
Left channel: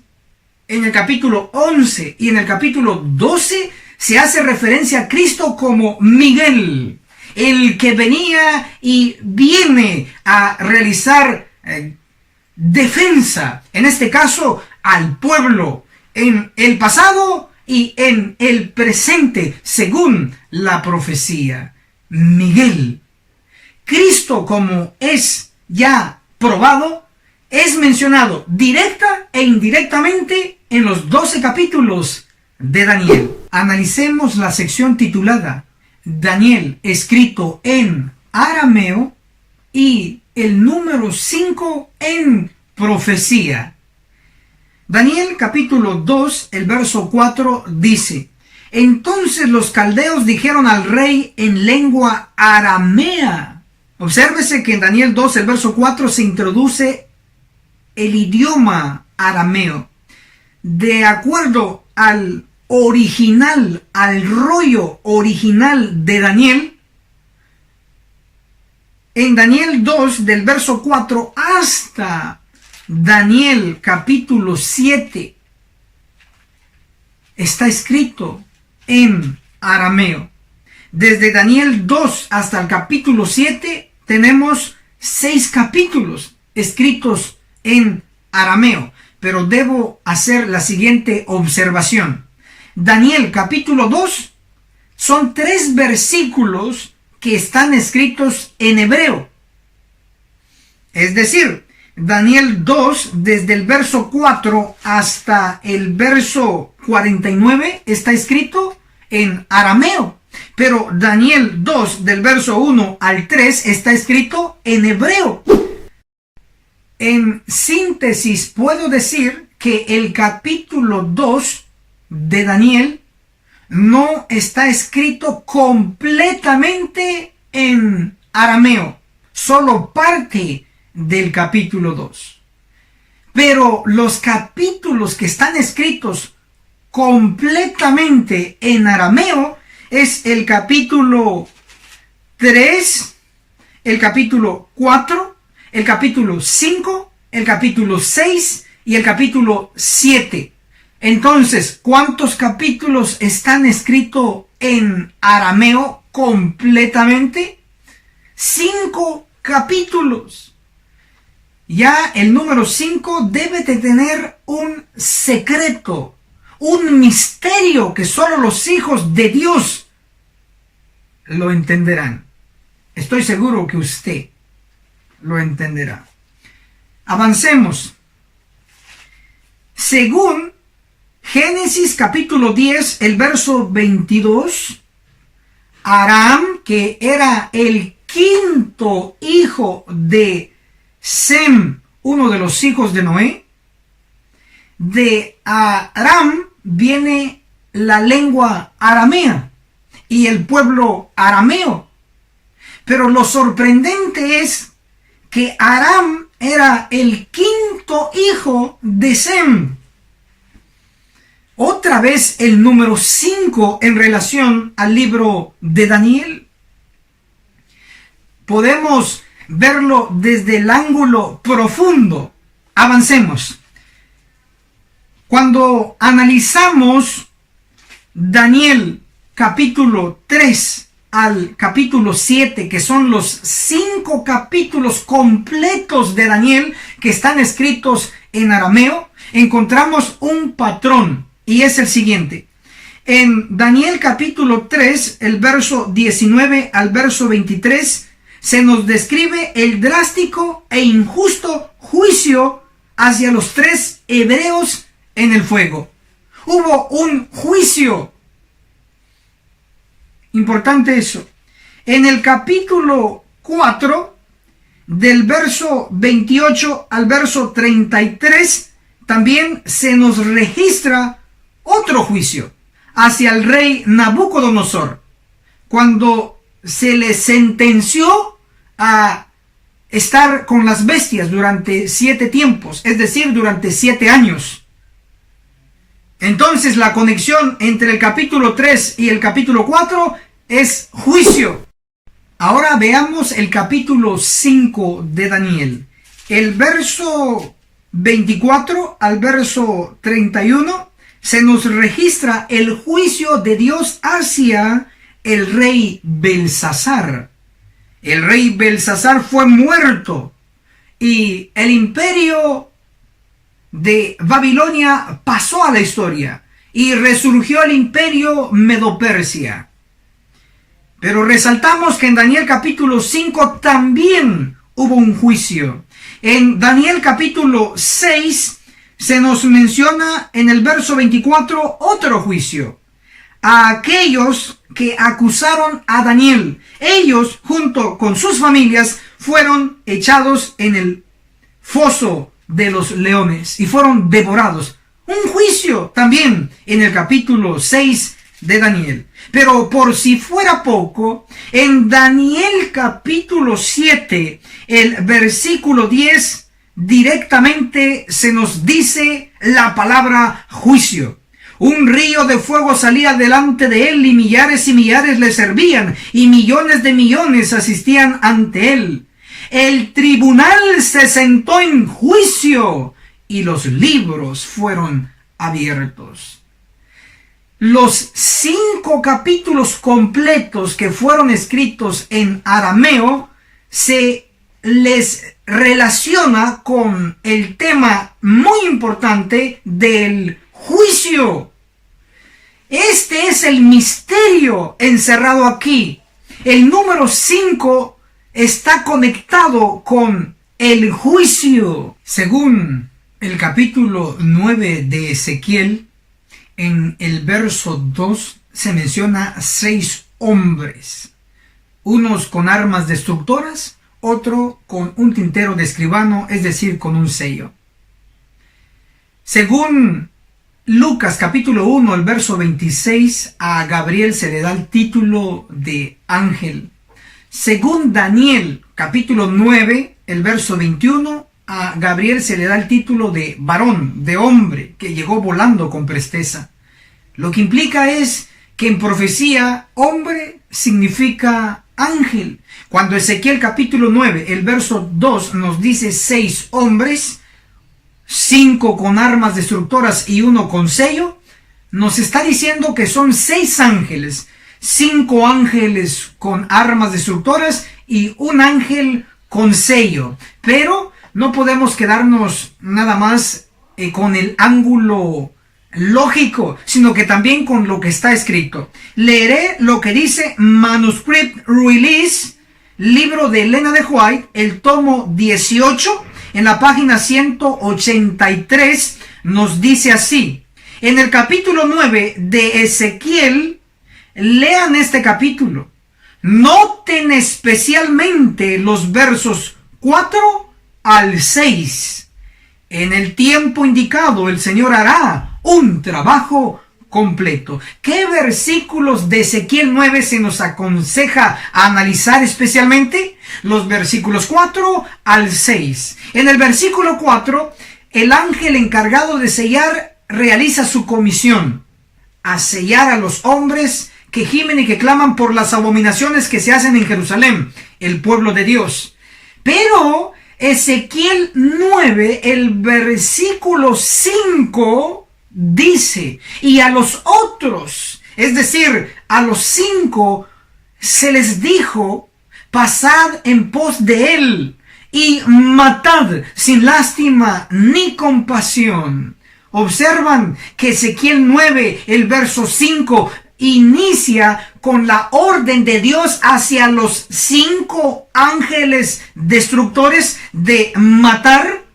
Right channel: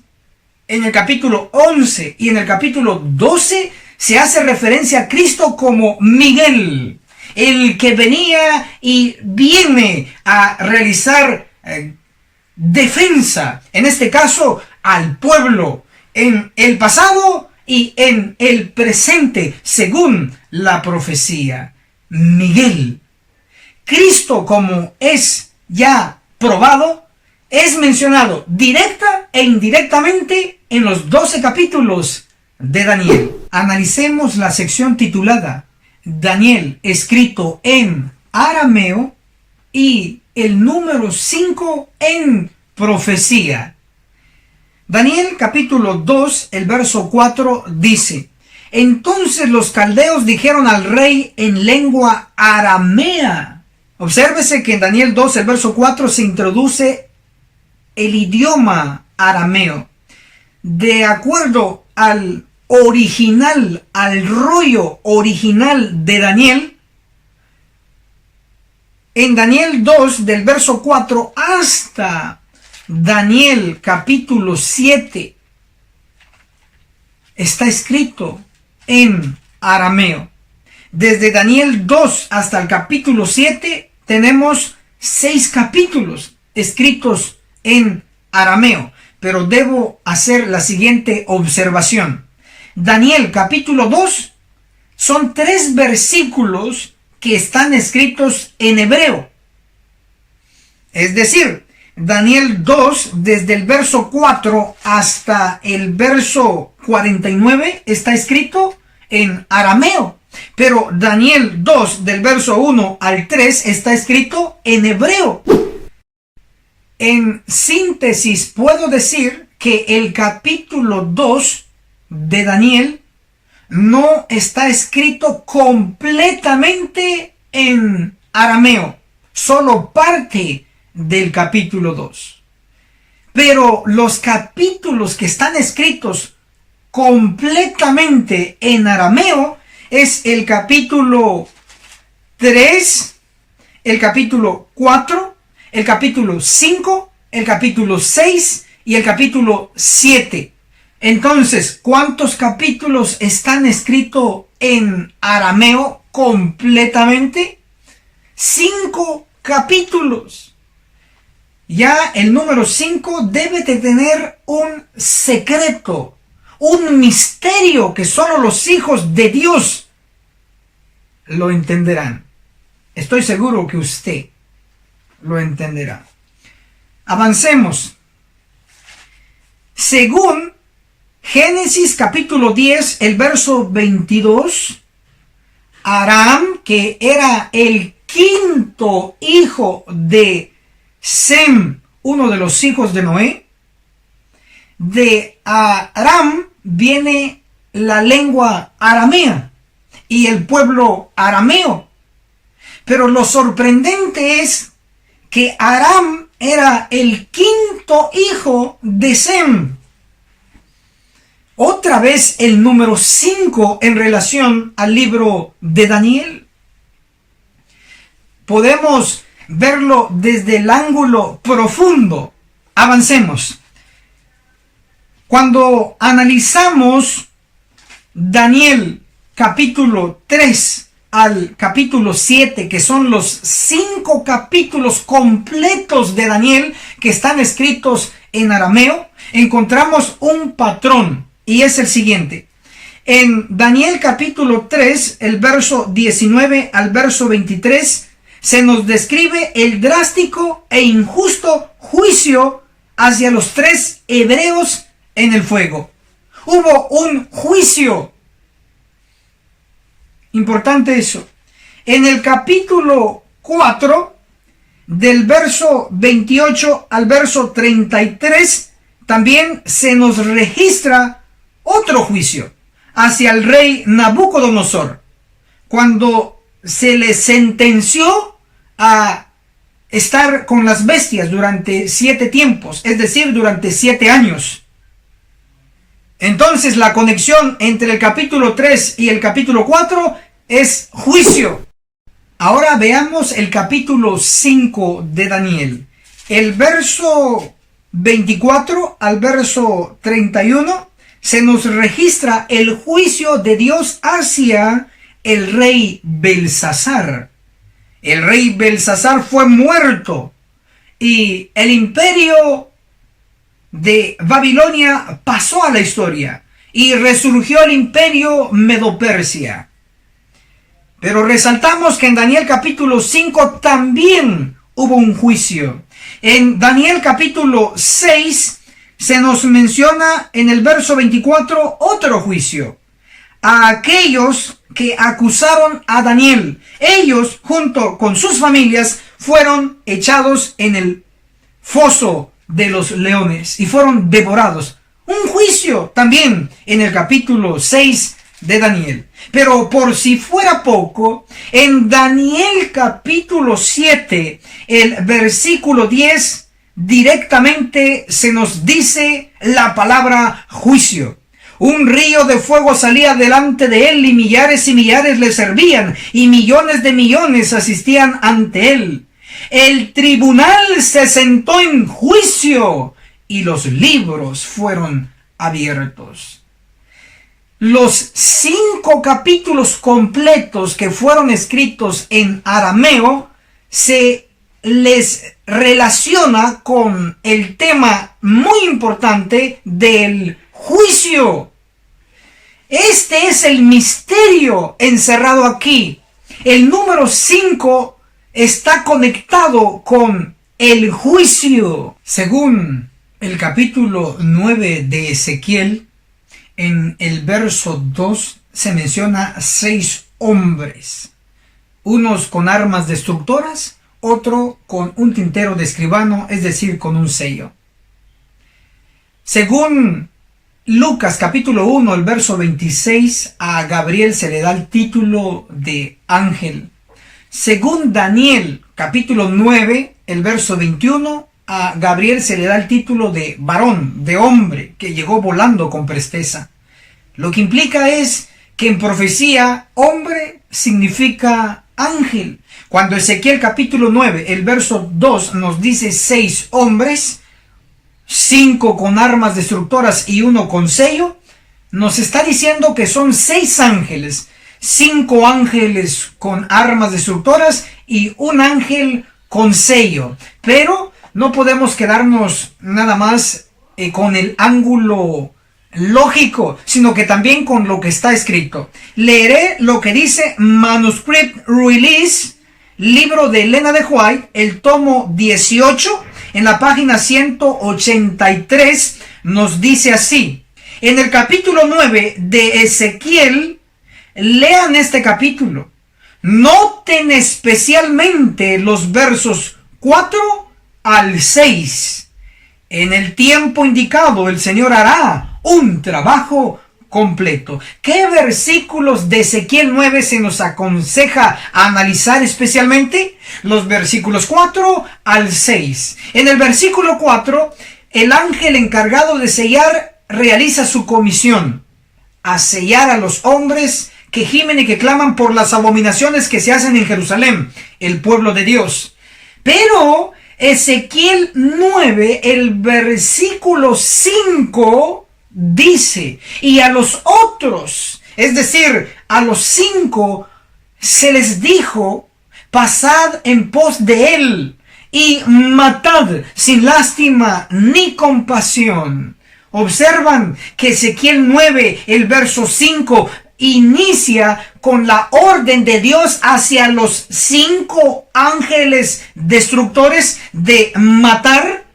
en el capítulo 11 y en el capítulo 12, se hace referencia a Cristo como Miguel, el que venía y viene a realizar defensa, en este caso al pueblo, en el pasado y en el presente, según la profecía. Miguel. Cristo, como es ya probado, es mencionado directa e indirectamente en los 12 capítulos de Daniel. Analicemos la sección titulada Daniel, escrito en arameo, y el número 5 en profecía. Daniel capítulo 2, el verso 4 dice: entonces los caldeos dijeron al rey en lengua aramea. Obsérvese que en Daniel 2, el verso 4, se introduce el idioma arameo. De acuerdo al original, al rollo original de Daniel, en Daniel 2, del verso 4 hasta Daniel capítulo 7, está escrito en arameo. Desde Daniel 2 hasta el capítulo 7 tenemos 6 capítulos escritos en arameo, pero debo hacer la siguiente observación. Daniel capítulo 2 son 3 versículos que están escritos en hebreo. Es decir, Daniel 2, desde el verso 4 hasta el verso 49, está escrito en arameo. Pero Daniel 2, del verso 1 al 3, está escrito en hebreo. En síntesis, puedo decir que el capítulo 2 de Daniel no está escrito completamente en arameo, solo parte del capítulo 2. Pero los capítulos que están escritos completamente en arameo es el capítulo 3, el capítulo 4, el capítulo 5, el capítulo 6 y el capítulo 7. Entonces, ¿cuántos capítulos están escritos en arameo completamente? 5 capítulos. Ya el número 5 debe de tener un secreto, un misterio que solo los hijos de Dios lo entenderán. Estoy seguro que usted lo entenderá. Avancemos. Según Génesis capítulo 10, el verso 22, Aram, que era el 5.º hijo de Sem, uno de los hijos de Noé, de Aram viene la lengua aramea y el pueblo arameo. Pero lo sorprendente es que Aram era el 5.º hijo de Sem. Otra vez el número 5 en relación al libro de Daniel. Podemos verlo desde el ángulo profundo. Avancemos. Cuando analizamos Daniel capítulo 3 al capítulo 7, que son los 5 capítulos completos de Daniel que están escritos en arameo, encontramos un patrón, y es el siguiente. En Daniel capítulo 3, el verso 19 al verso 23, se nos describe el drástico e injusto juicio hacia los 3 hebreos en el fuego. Hubo un juicio. Importante eso. En el capítulo 4, del verso 28 al verso 33, también se nos registra otro juicio hacia el rey Nabucodonosor, cuando se le sentenció a estar con las bestias durante 7 tiempos, es decir, durante 7 años. Entonces la conexión entre el capítulo 3 y el capítulo 4 es juicio. Ahora veamos el capítulo 5 de Daniel. El verso 24 al verso 31 se nos registra el juicio de Dios hacia el rey Belsasar. El rey Belsasar fue muerto y el imperio de Babilonia pasó a la historia y resurgió el imperio Medo-Persia. Pero resaltamos que en Daniel capítulo 5 también hubo un juicio. En Daniel capítulo 6 se nos menciona en el verso 24 otro juicio a aquellos que acusaron a Daniel. Ellos, junto con sus familias, fueron echados en el foso de los leones y fueron devorados. Un juicio también en el capítulo 6 de Daniel. Pero por si fuera poco, en Daniel capítulo 7, el versículo 10, directamente se nos dice la palabra juicio. Un río de fuego salía delante de él y millares le servían y millones de millones asistían ante él. El tribunal se sentó en juicio y los libros fueron abiertos. Los 5 capítulos completos que fueron escritos en arameo se les relaciona con el tema muy importante del juicio. Este es el misterio encerrado aquí. El número 5 está conectado con el juicio. Según el capítulo 9 de Ezequiel, en el verso 2 se menciona 6 hombres, unos con armas destructoras, otro con un tintero de escribano, es decir, con un sello. Según Lucas capítulo 1, el verso 26, a Gabriel se le da el título de ángel. Según Daniel capítulo 9, el verso 21, a Gabriel se le da el título de varón, de hombre, que llegó volando con presteza. Lo que implica es que en profecía, hombre significa ángel. Cuando Ezequiel capítulo 9, el verso 2 nos dice 6 hombres, 5 con armas destructoras y 1 con sello, nos está diciendo que son 6 ángeles, 5 ángeles con armas destructoras y un ángel con sello. Pero no podemos quedarnos nada más con el ángulo lógico, sino que también con lo que está escrito. Leeré lo que dice Manuscript Release, libro de Elena de White, el tomo 18, en la página 183, nos dice así. En el capítulo 9 de Ezequiel, lean este capítulo. Noten especialmente los versos 4 al 6. En el tiempo indicado el Señor hará un trabajo completo. ¿Qué versículos de Ezequiel 9 se nos aconseja analizar especialmente? Los versículos 4 al 6. En el versículo 4, el ángel encargado de sellar realiza su comisión, a sellar a los hombres que gimen y que claman por las abominaciones que se hacen en Jerusalén, el pueblo de Dios. Pero Ezequiel 9, el versículo 5, dice, y a los otros, es decir, a los 5, se les dijo, pasad en pos de él y matad sin lástima ni compasión. Observan que Ezequiel 9, el verso 5, inicia con la orden de Dios hacia los 5 ángeles destructores de matar.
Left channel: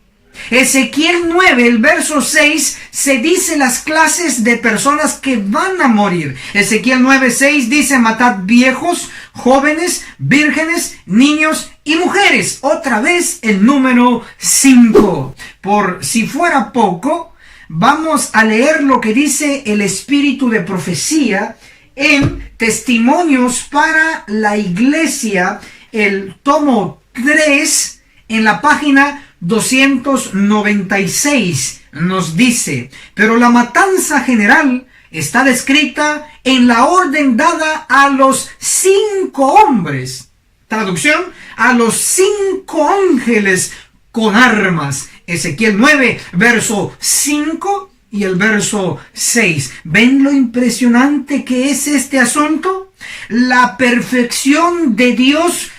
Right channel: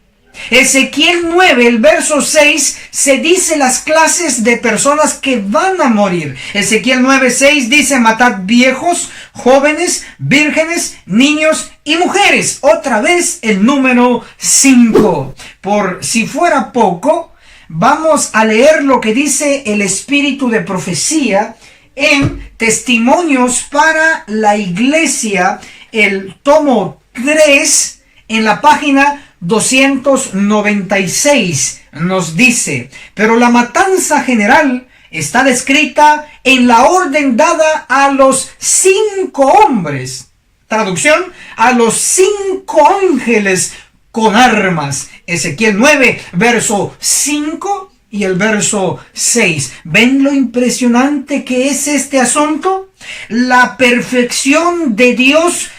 Ezequiel 9, el verso 6, se dice las clases de personas que van a morir. Ezequiel 9, 6 dice: matad viejos, jóvenes, vírgenes, niños y mujeres. Otra vez el número 5. Por si fuera poco, vamos a leer lo que dice el espíritu de profecía en Testimonios para la Iglesia, el tomo 3, en la página 296. Nos dice: pero la matanza general está descrita en la orden dada a los 5 hombres. Traducción: a los 5 ángeles con armas. Ezequiel 9, verso 5 y el verso 6. ¿Ven lo impresionante que es este asunto? La perfección de Dios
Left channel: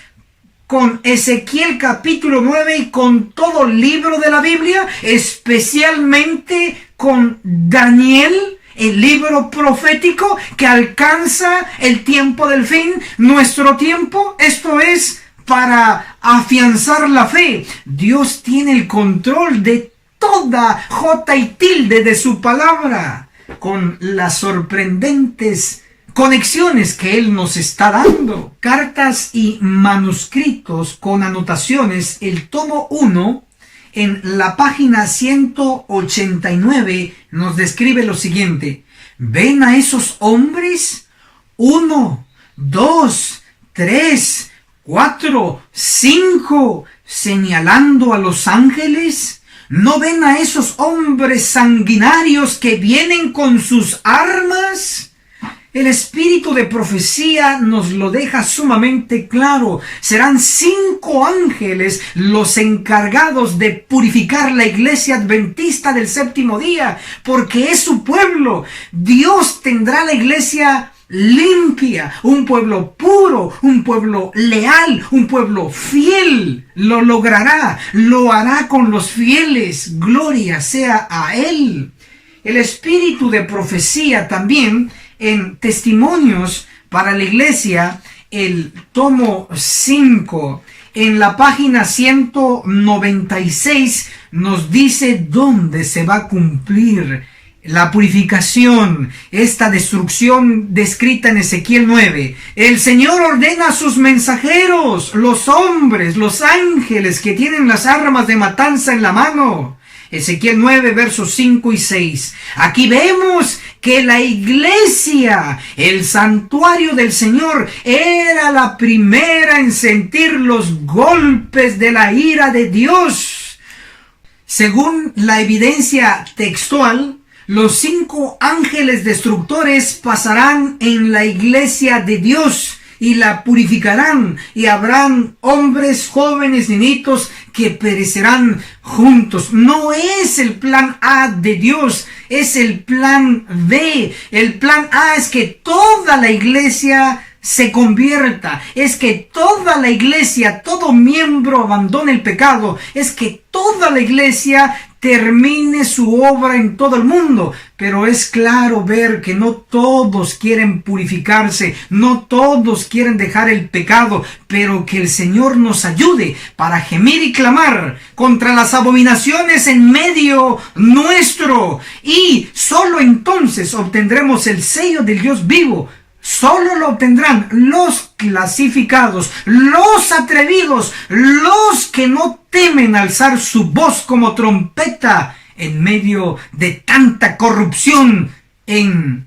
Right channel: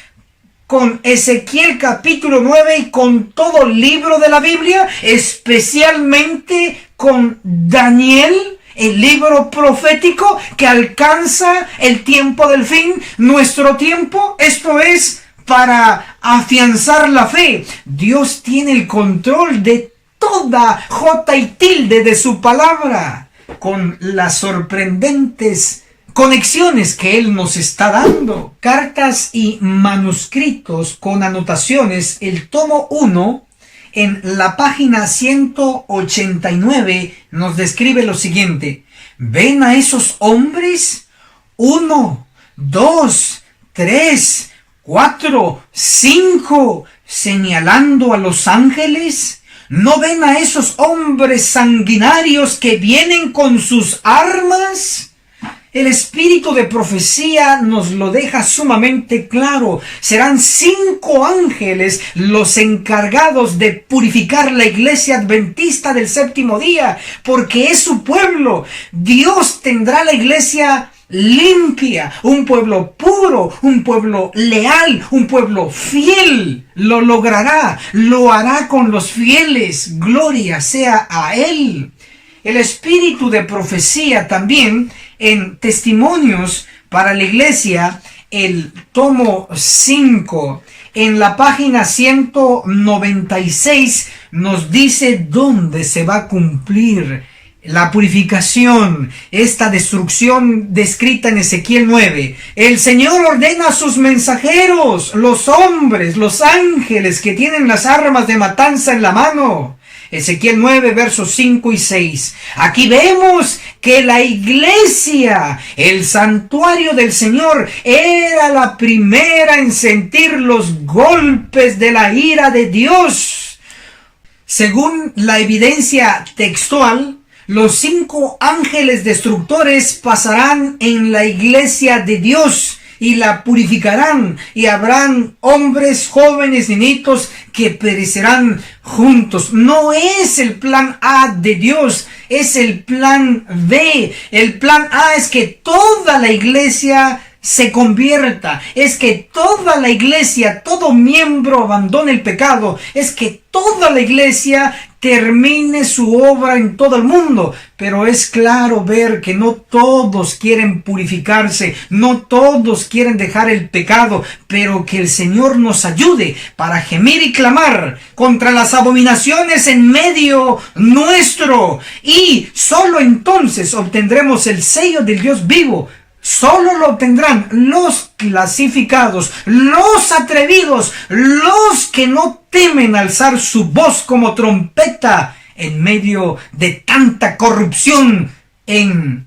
con Ezequiel capítulo 9 y con todo el libro de la Biblia, especialmente con Daniel, el libro profético que alcanza el tiempo del fin, nuestro tiempo. Esto es para afianzar la fe. Dios tiene el control de toda jota y tilde de su palabra, con las sorprendentes conexiones que Él nos está dando. Cartas y manuscritos con anotaciones, el tomo 1, en la página 189, nos describe lo siguiente: ¿ven a esos hombres? 1, 2, 3, 4, 5, señalando a los ángeles. ¿No ven a esos hombres sanguinarios que vienen con sus armas? El espíritu de profecía nos lo deja sumamente claro. Serán 5 ángeles los encargados de purificar la iglesia adventista del séptimo día, porque es su pueblo. Dios tendrá la iglesia limpia, un pueblo puro, un pueblo leal, un pueblo fiel. Lo logrará, lo hará con los fieles. Gloria sea a Él. El espíritu de profecía también en Testimonios para la Iglesia, el tomo 5, en la página 196, nos dice dónde se va a cumplir la purificación, esta destrucción descrita en Ezequiel 9. El Señor ordena a sus mensajeros, los hombres, los ángeles que tienen las armas de matanza en la mano. Ezequiel 9, versos 5 y 6. Aquí vemos que la iglesia, el santuario del Señor, era la primera en sentir los golpes de la ira de Dios. Según la evidencia textual, los 5 ángeles destructores pasarán en la iglesia de Dios y la purificarán, y habrán hombres, jóvenes, niñitos que perecerán juntos. No es el plan A de Dios, es el plan B. El plan A es que toda la iglesia se convierta, es que toda la iglesia, todo miembro abandone el pecado, es que toda la iglesia termine su obra en todo el mundo. Pero es claro ver que no todos quieren purificarse, no todos quieren dejar el pecado, pero que el Señor nos ayude para gemir y clamar contra las abominaciones en medio nuestro, y solo entonces obtendremos el sello del Dios vivo. Solo lo obtendrán los clasificados, los atrevidos, los que no temen alzar su voz como trompeta en medio de tanta corrupción en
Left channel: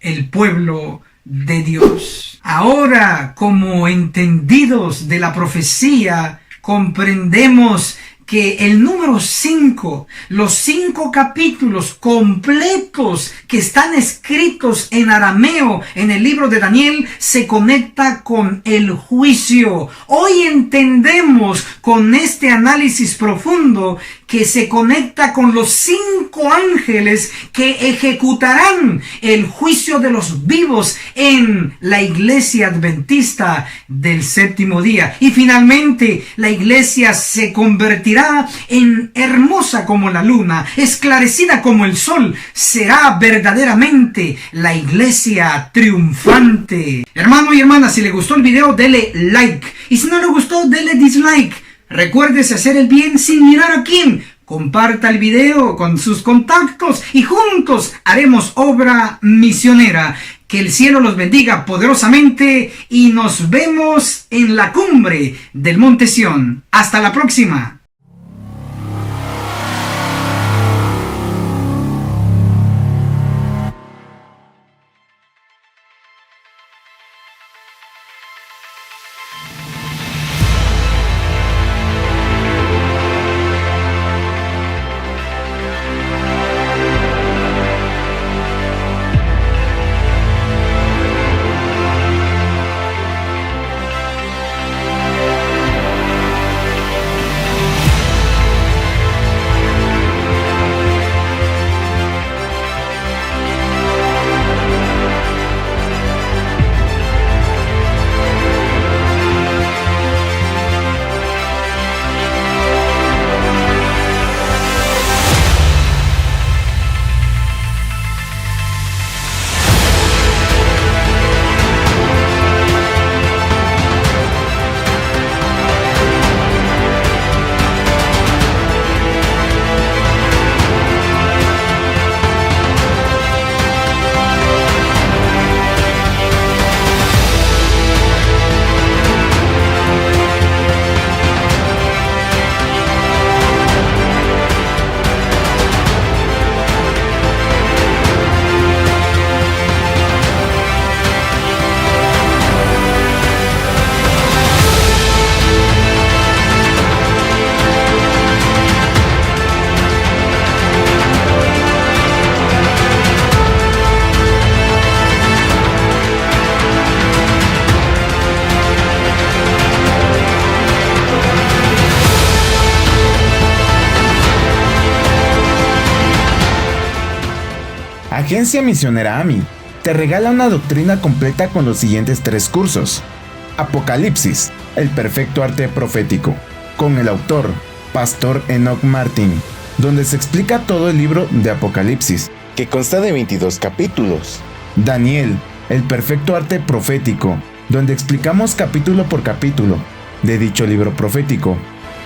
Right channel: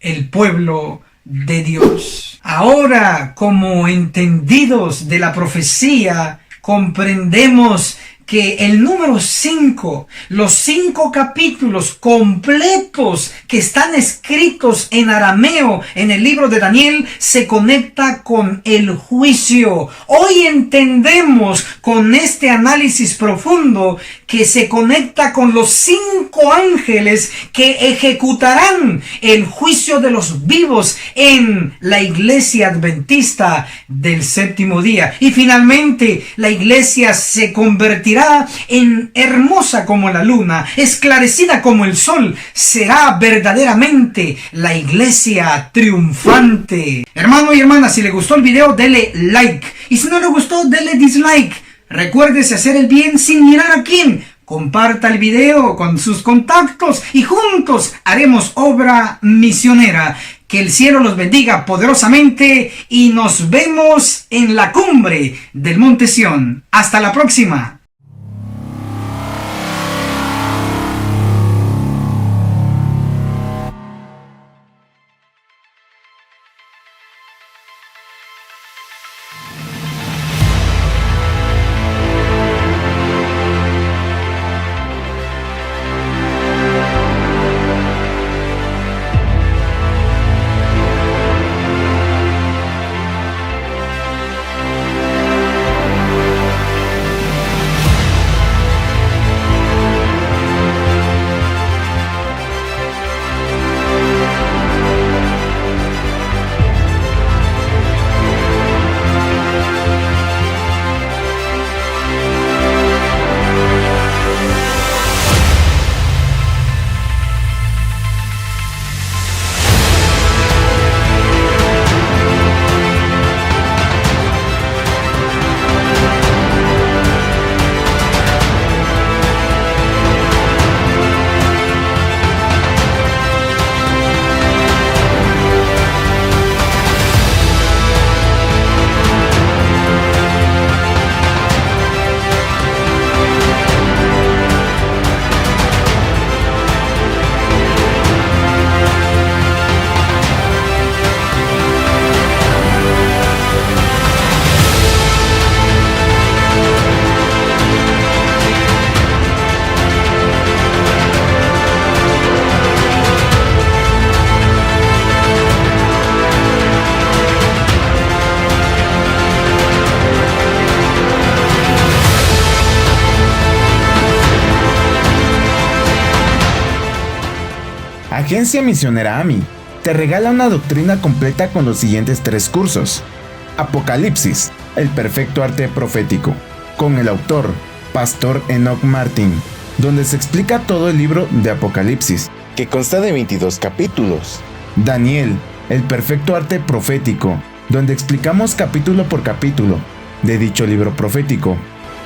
el pueblo de Dios. Ahora, como entendidos de la profecía, comprendemos que el número 5, los 5 capítulos completos que están escritos en arameo en el libro de Daniel, se conecta con el juicio. Hoy entendemos con este análisis profundo que se conecta con los 5 ángeles que ejecutarán el juicio de los vivos en la iglesia adventista del séptimo día. Y finalmente la iglesia se convertirá en hermosa como la luna, esclarecida como el sol. Será verdaderamente la iglesia triunfante. Hermano y hermana, si le gustó el video, dele like. Y si no le gustó, dele dislike. Recuérdese hacer el bien sin mirar a quién. Comparta el video con sus contactos y juntos haremos obra misionera. Que el cielo los bendiga poderosamente y nos vemos en la cumbre del Monte Sión. Hasta la próxima. Agencia Misionera AMI te regala una doctrina completa con los siguientes 3 cursos. Apocalipsis, el perfecto arte profético, con el autor, Pastor Enoch Martin, donde se explica todo el libro de Apocalipsis, que consta de 22 capítulos. Daniel, el perfecto arte profético, donde explicamos capítulo por capítulo de dicho libro profético.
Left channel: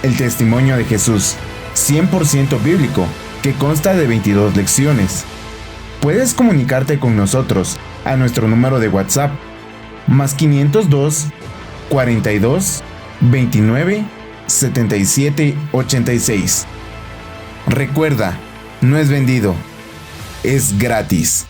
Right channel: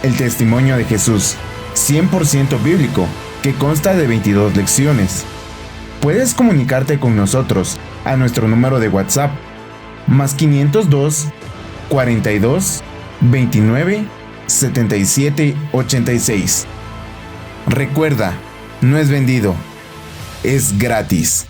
El testimonio de Jesús, 100% bíblico, que consta de 22 lecciones. Puedes comunicarte con nosotros a nuestro número de WhatsApp, más 502 42 29 77 86. Recuerda, no es vendido, es gratis.